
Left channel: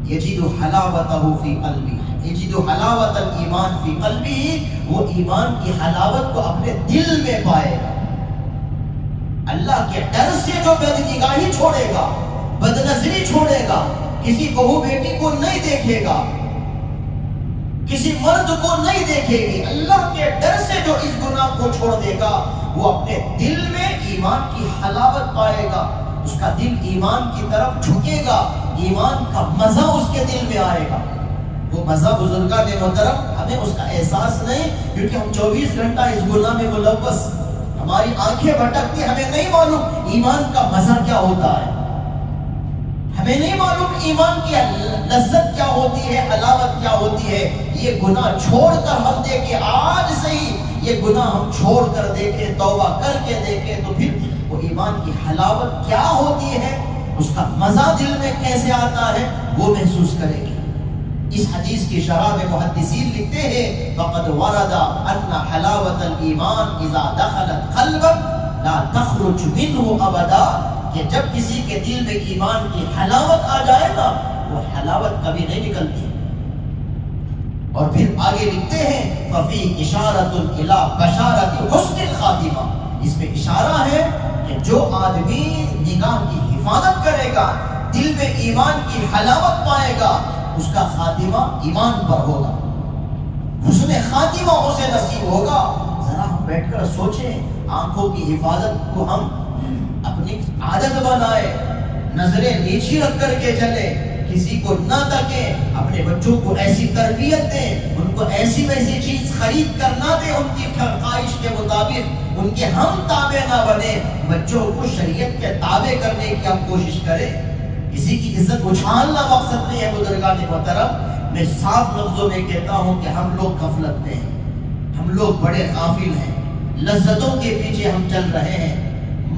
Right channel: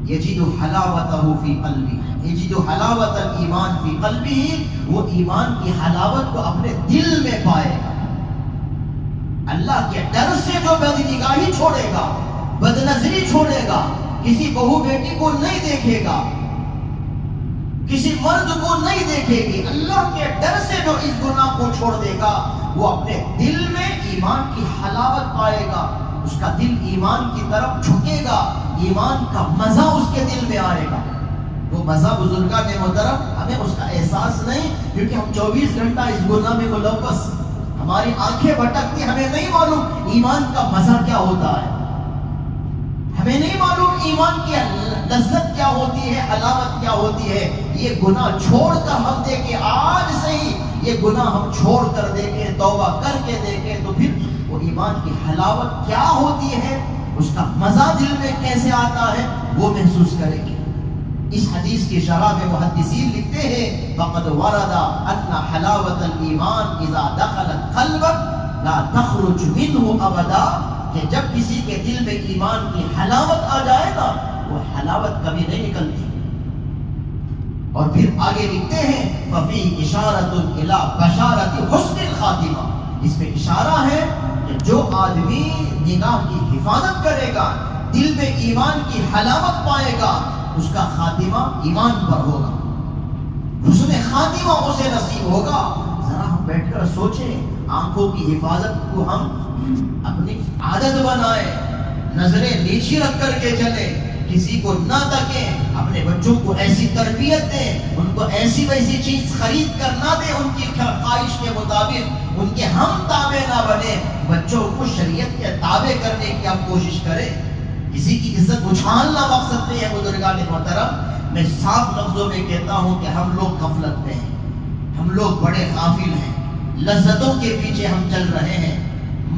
یجد حلاوتہ فی قلبی، یجد حلاوت الایمان فی قلبی، وہ ایمان کی حلاوت کو اپنے دل میں پائے گا۔ اللہ کے ڈر سے جو بد نگاہی چھوڑے گا، بد نظری چھوڑے گا، کسی بہو بیٹی کو نہیں دیکھے گا، کسی مرد کو نہیں دیکھے گی، اللہ کے ڈر سے جو اس گناہ کو چھوڑ دے گا، وہ اپنے دل میں ایمان کی حلاوت پائے گا، اس کا دل ایمان کی طرف جھکے گا، ایمان کا مزہ اس کے دل میں آئے گا۔ وہ مزہ بزرگان محترم ہمیں اس کا احساس نہیں، کیونکہ ہم 24 گھنٹہ اس گناہ میں ملوث، ہماری آنکھیں بھٹکتی، ہمیں نہیں معلوم ایمان کا مزہ کیا ہوتا ہے، ہمیں نہیں معلوم ایمان کی لذت کیا ہوتی ہے، حلاوت کیا ہوتی ہے۔ یہ گناہ چھوڑ کر ہم دیکھیں، آج سے ہی یہ گناہ ہم چھوڑ کر دیکھیں، توبہ کر کے دیکھیں، تو پھر وہ ایمان کی حلاوت کیا ہوتی ہے، اس کا مزہ دل میں کیسے آتا ہے، وہ محسوس کریں گے۔ اس حدیث کی شرح میں محدثین لکھتے ہیں فقد ورد ان حلاوت الایمان اذا دخلت قلبا لا تخرج منه ابدا، کہ جب کسی کے دل میں ایمان کی حلاوت آ جائے گا، وہ حلاوت کبھی نہیں نکلتی۔ اور پھر آگے لکھتے ہیں ففی اشارۃ الی بشارۃ حسن الخاتمہ، اس میں اشارہ ہے کہ جو آدمی نگاہ کی حفاظت کرے گا، دل میں ایمان کی حلاوت پائے گا، اس کا خاتمہ ایمان پر ہوگا، حسن خاتمہ اسے نصیب ہوگا۔ ذرا ہم بیٹھ کر سوچیں، آنکھوں کی حفاظت کو ہم اپنی عادت بنائے، نظریں نیچی رکھ کر کے چلے، کسی کو نہ تکیں، اپنے بچوں کو ایسی تربیت دیں، ان کو ایسی ویسی چیز خرید کر نہ دیں ان کی خواہش کے مطابق، ان کے ہم تابع نہ بنے، بچوں کو شریعت کے تابع کرنے کی آپ کوشش کریں۔ کسی کی عزت اچھالنا مقصد نہیں ہے بزرگان محترم۔ میں صاف لفظوں میں کہتا ہوں کہ ہم لوگ غفلت میں ہیں، ہم لوگ بڑے غافل ہیں، لذتوں کے پیچھے ہم چل رہے ہیں،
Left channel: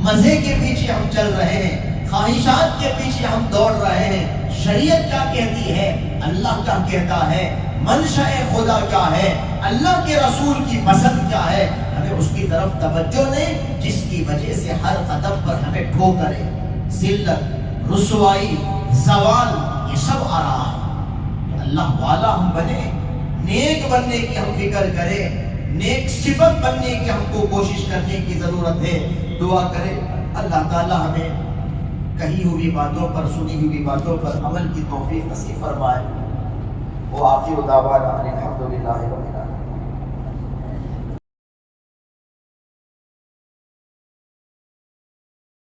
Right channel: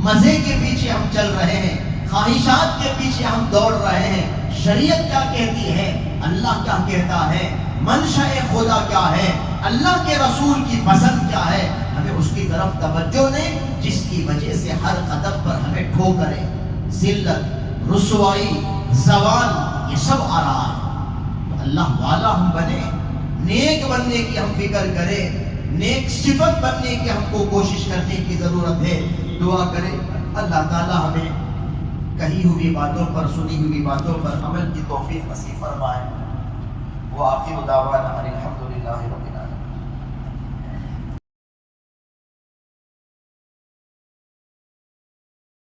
مزے کے پیچھے ہم چل رہے ہیں، خواہشات کے پیچھے ہم دوڑ رہے ہیں۔ شریعت کیا کہتی ہے، اللہ کیا کہتا ہے، منشأ خدا کیا ہے، اللہ کے رسول کی پسند کیا ہے، ہمیں اس کی طرف توجہ نہیں، جس کی وجہ سے ہر قدم پر ہمیں ٹھوکریں، ذلت، رسوائی، زوال، یہ سب آ رہا ہے۔ تو اللہ والا ہم بنے، نیک بننے کی ہم فکر کریں، نیک صفت بننے کی ہم کو کوشش کرنے کی ضرورت ہے۔ دعا کریں اللہ تعالی ہمیں کہی ہوئی باتوں پر، سنی ہوئی باتوں پر عمل کی توفیق نصیب فرمائے۔ وہ آخر دعوانا الحمدللہ رب العالمین۔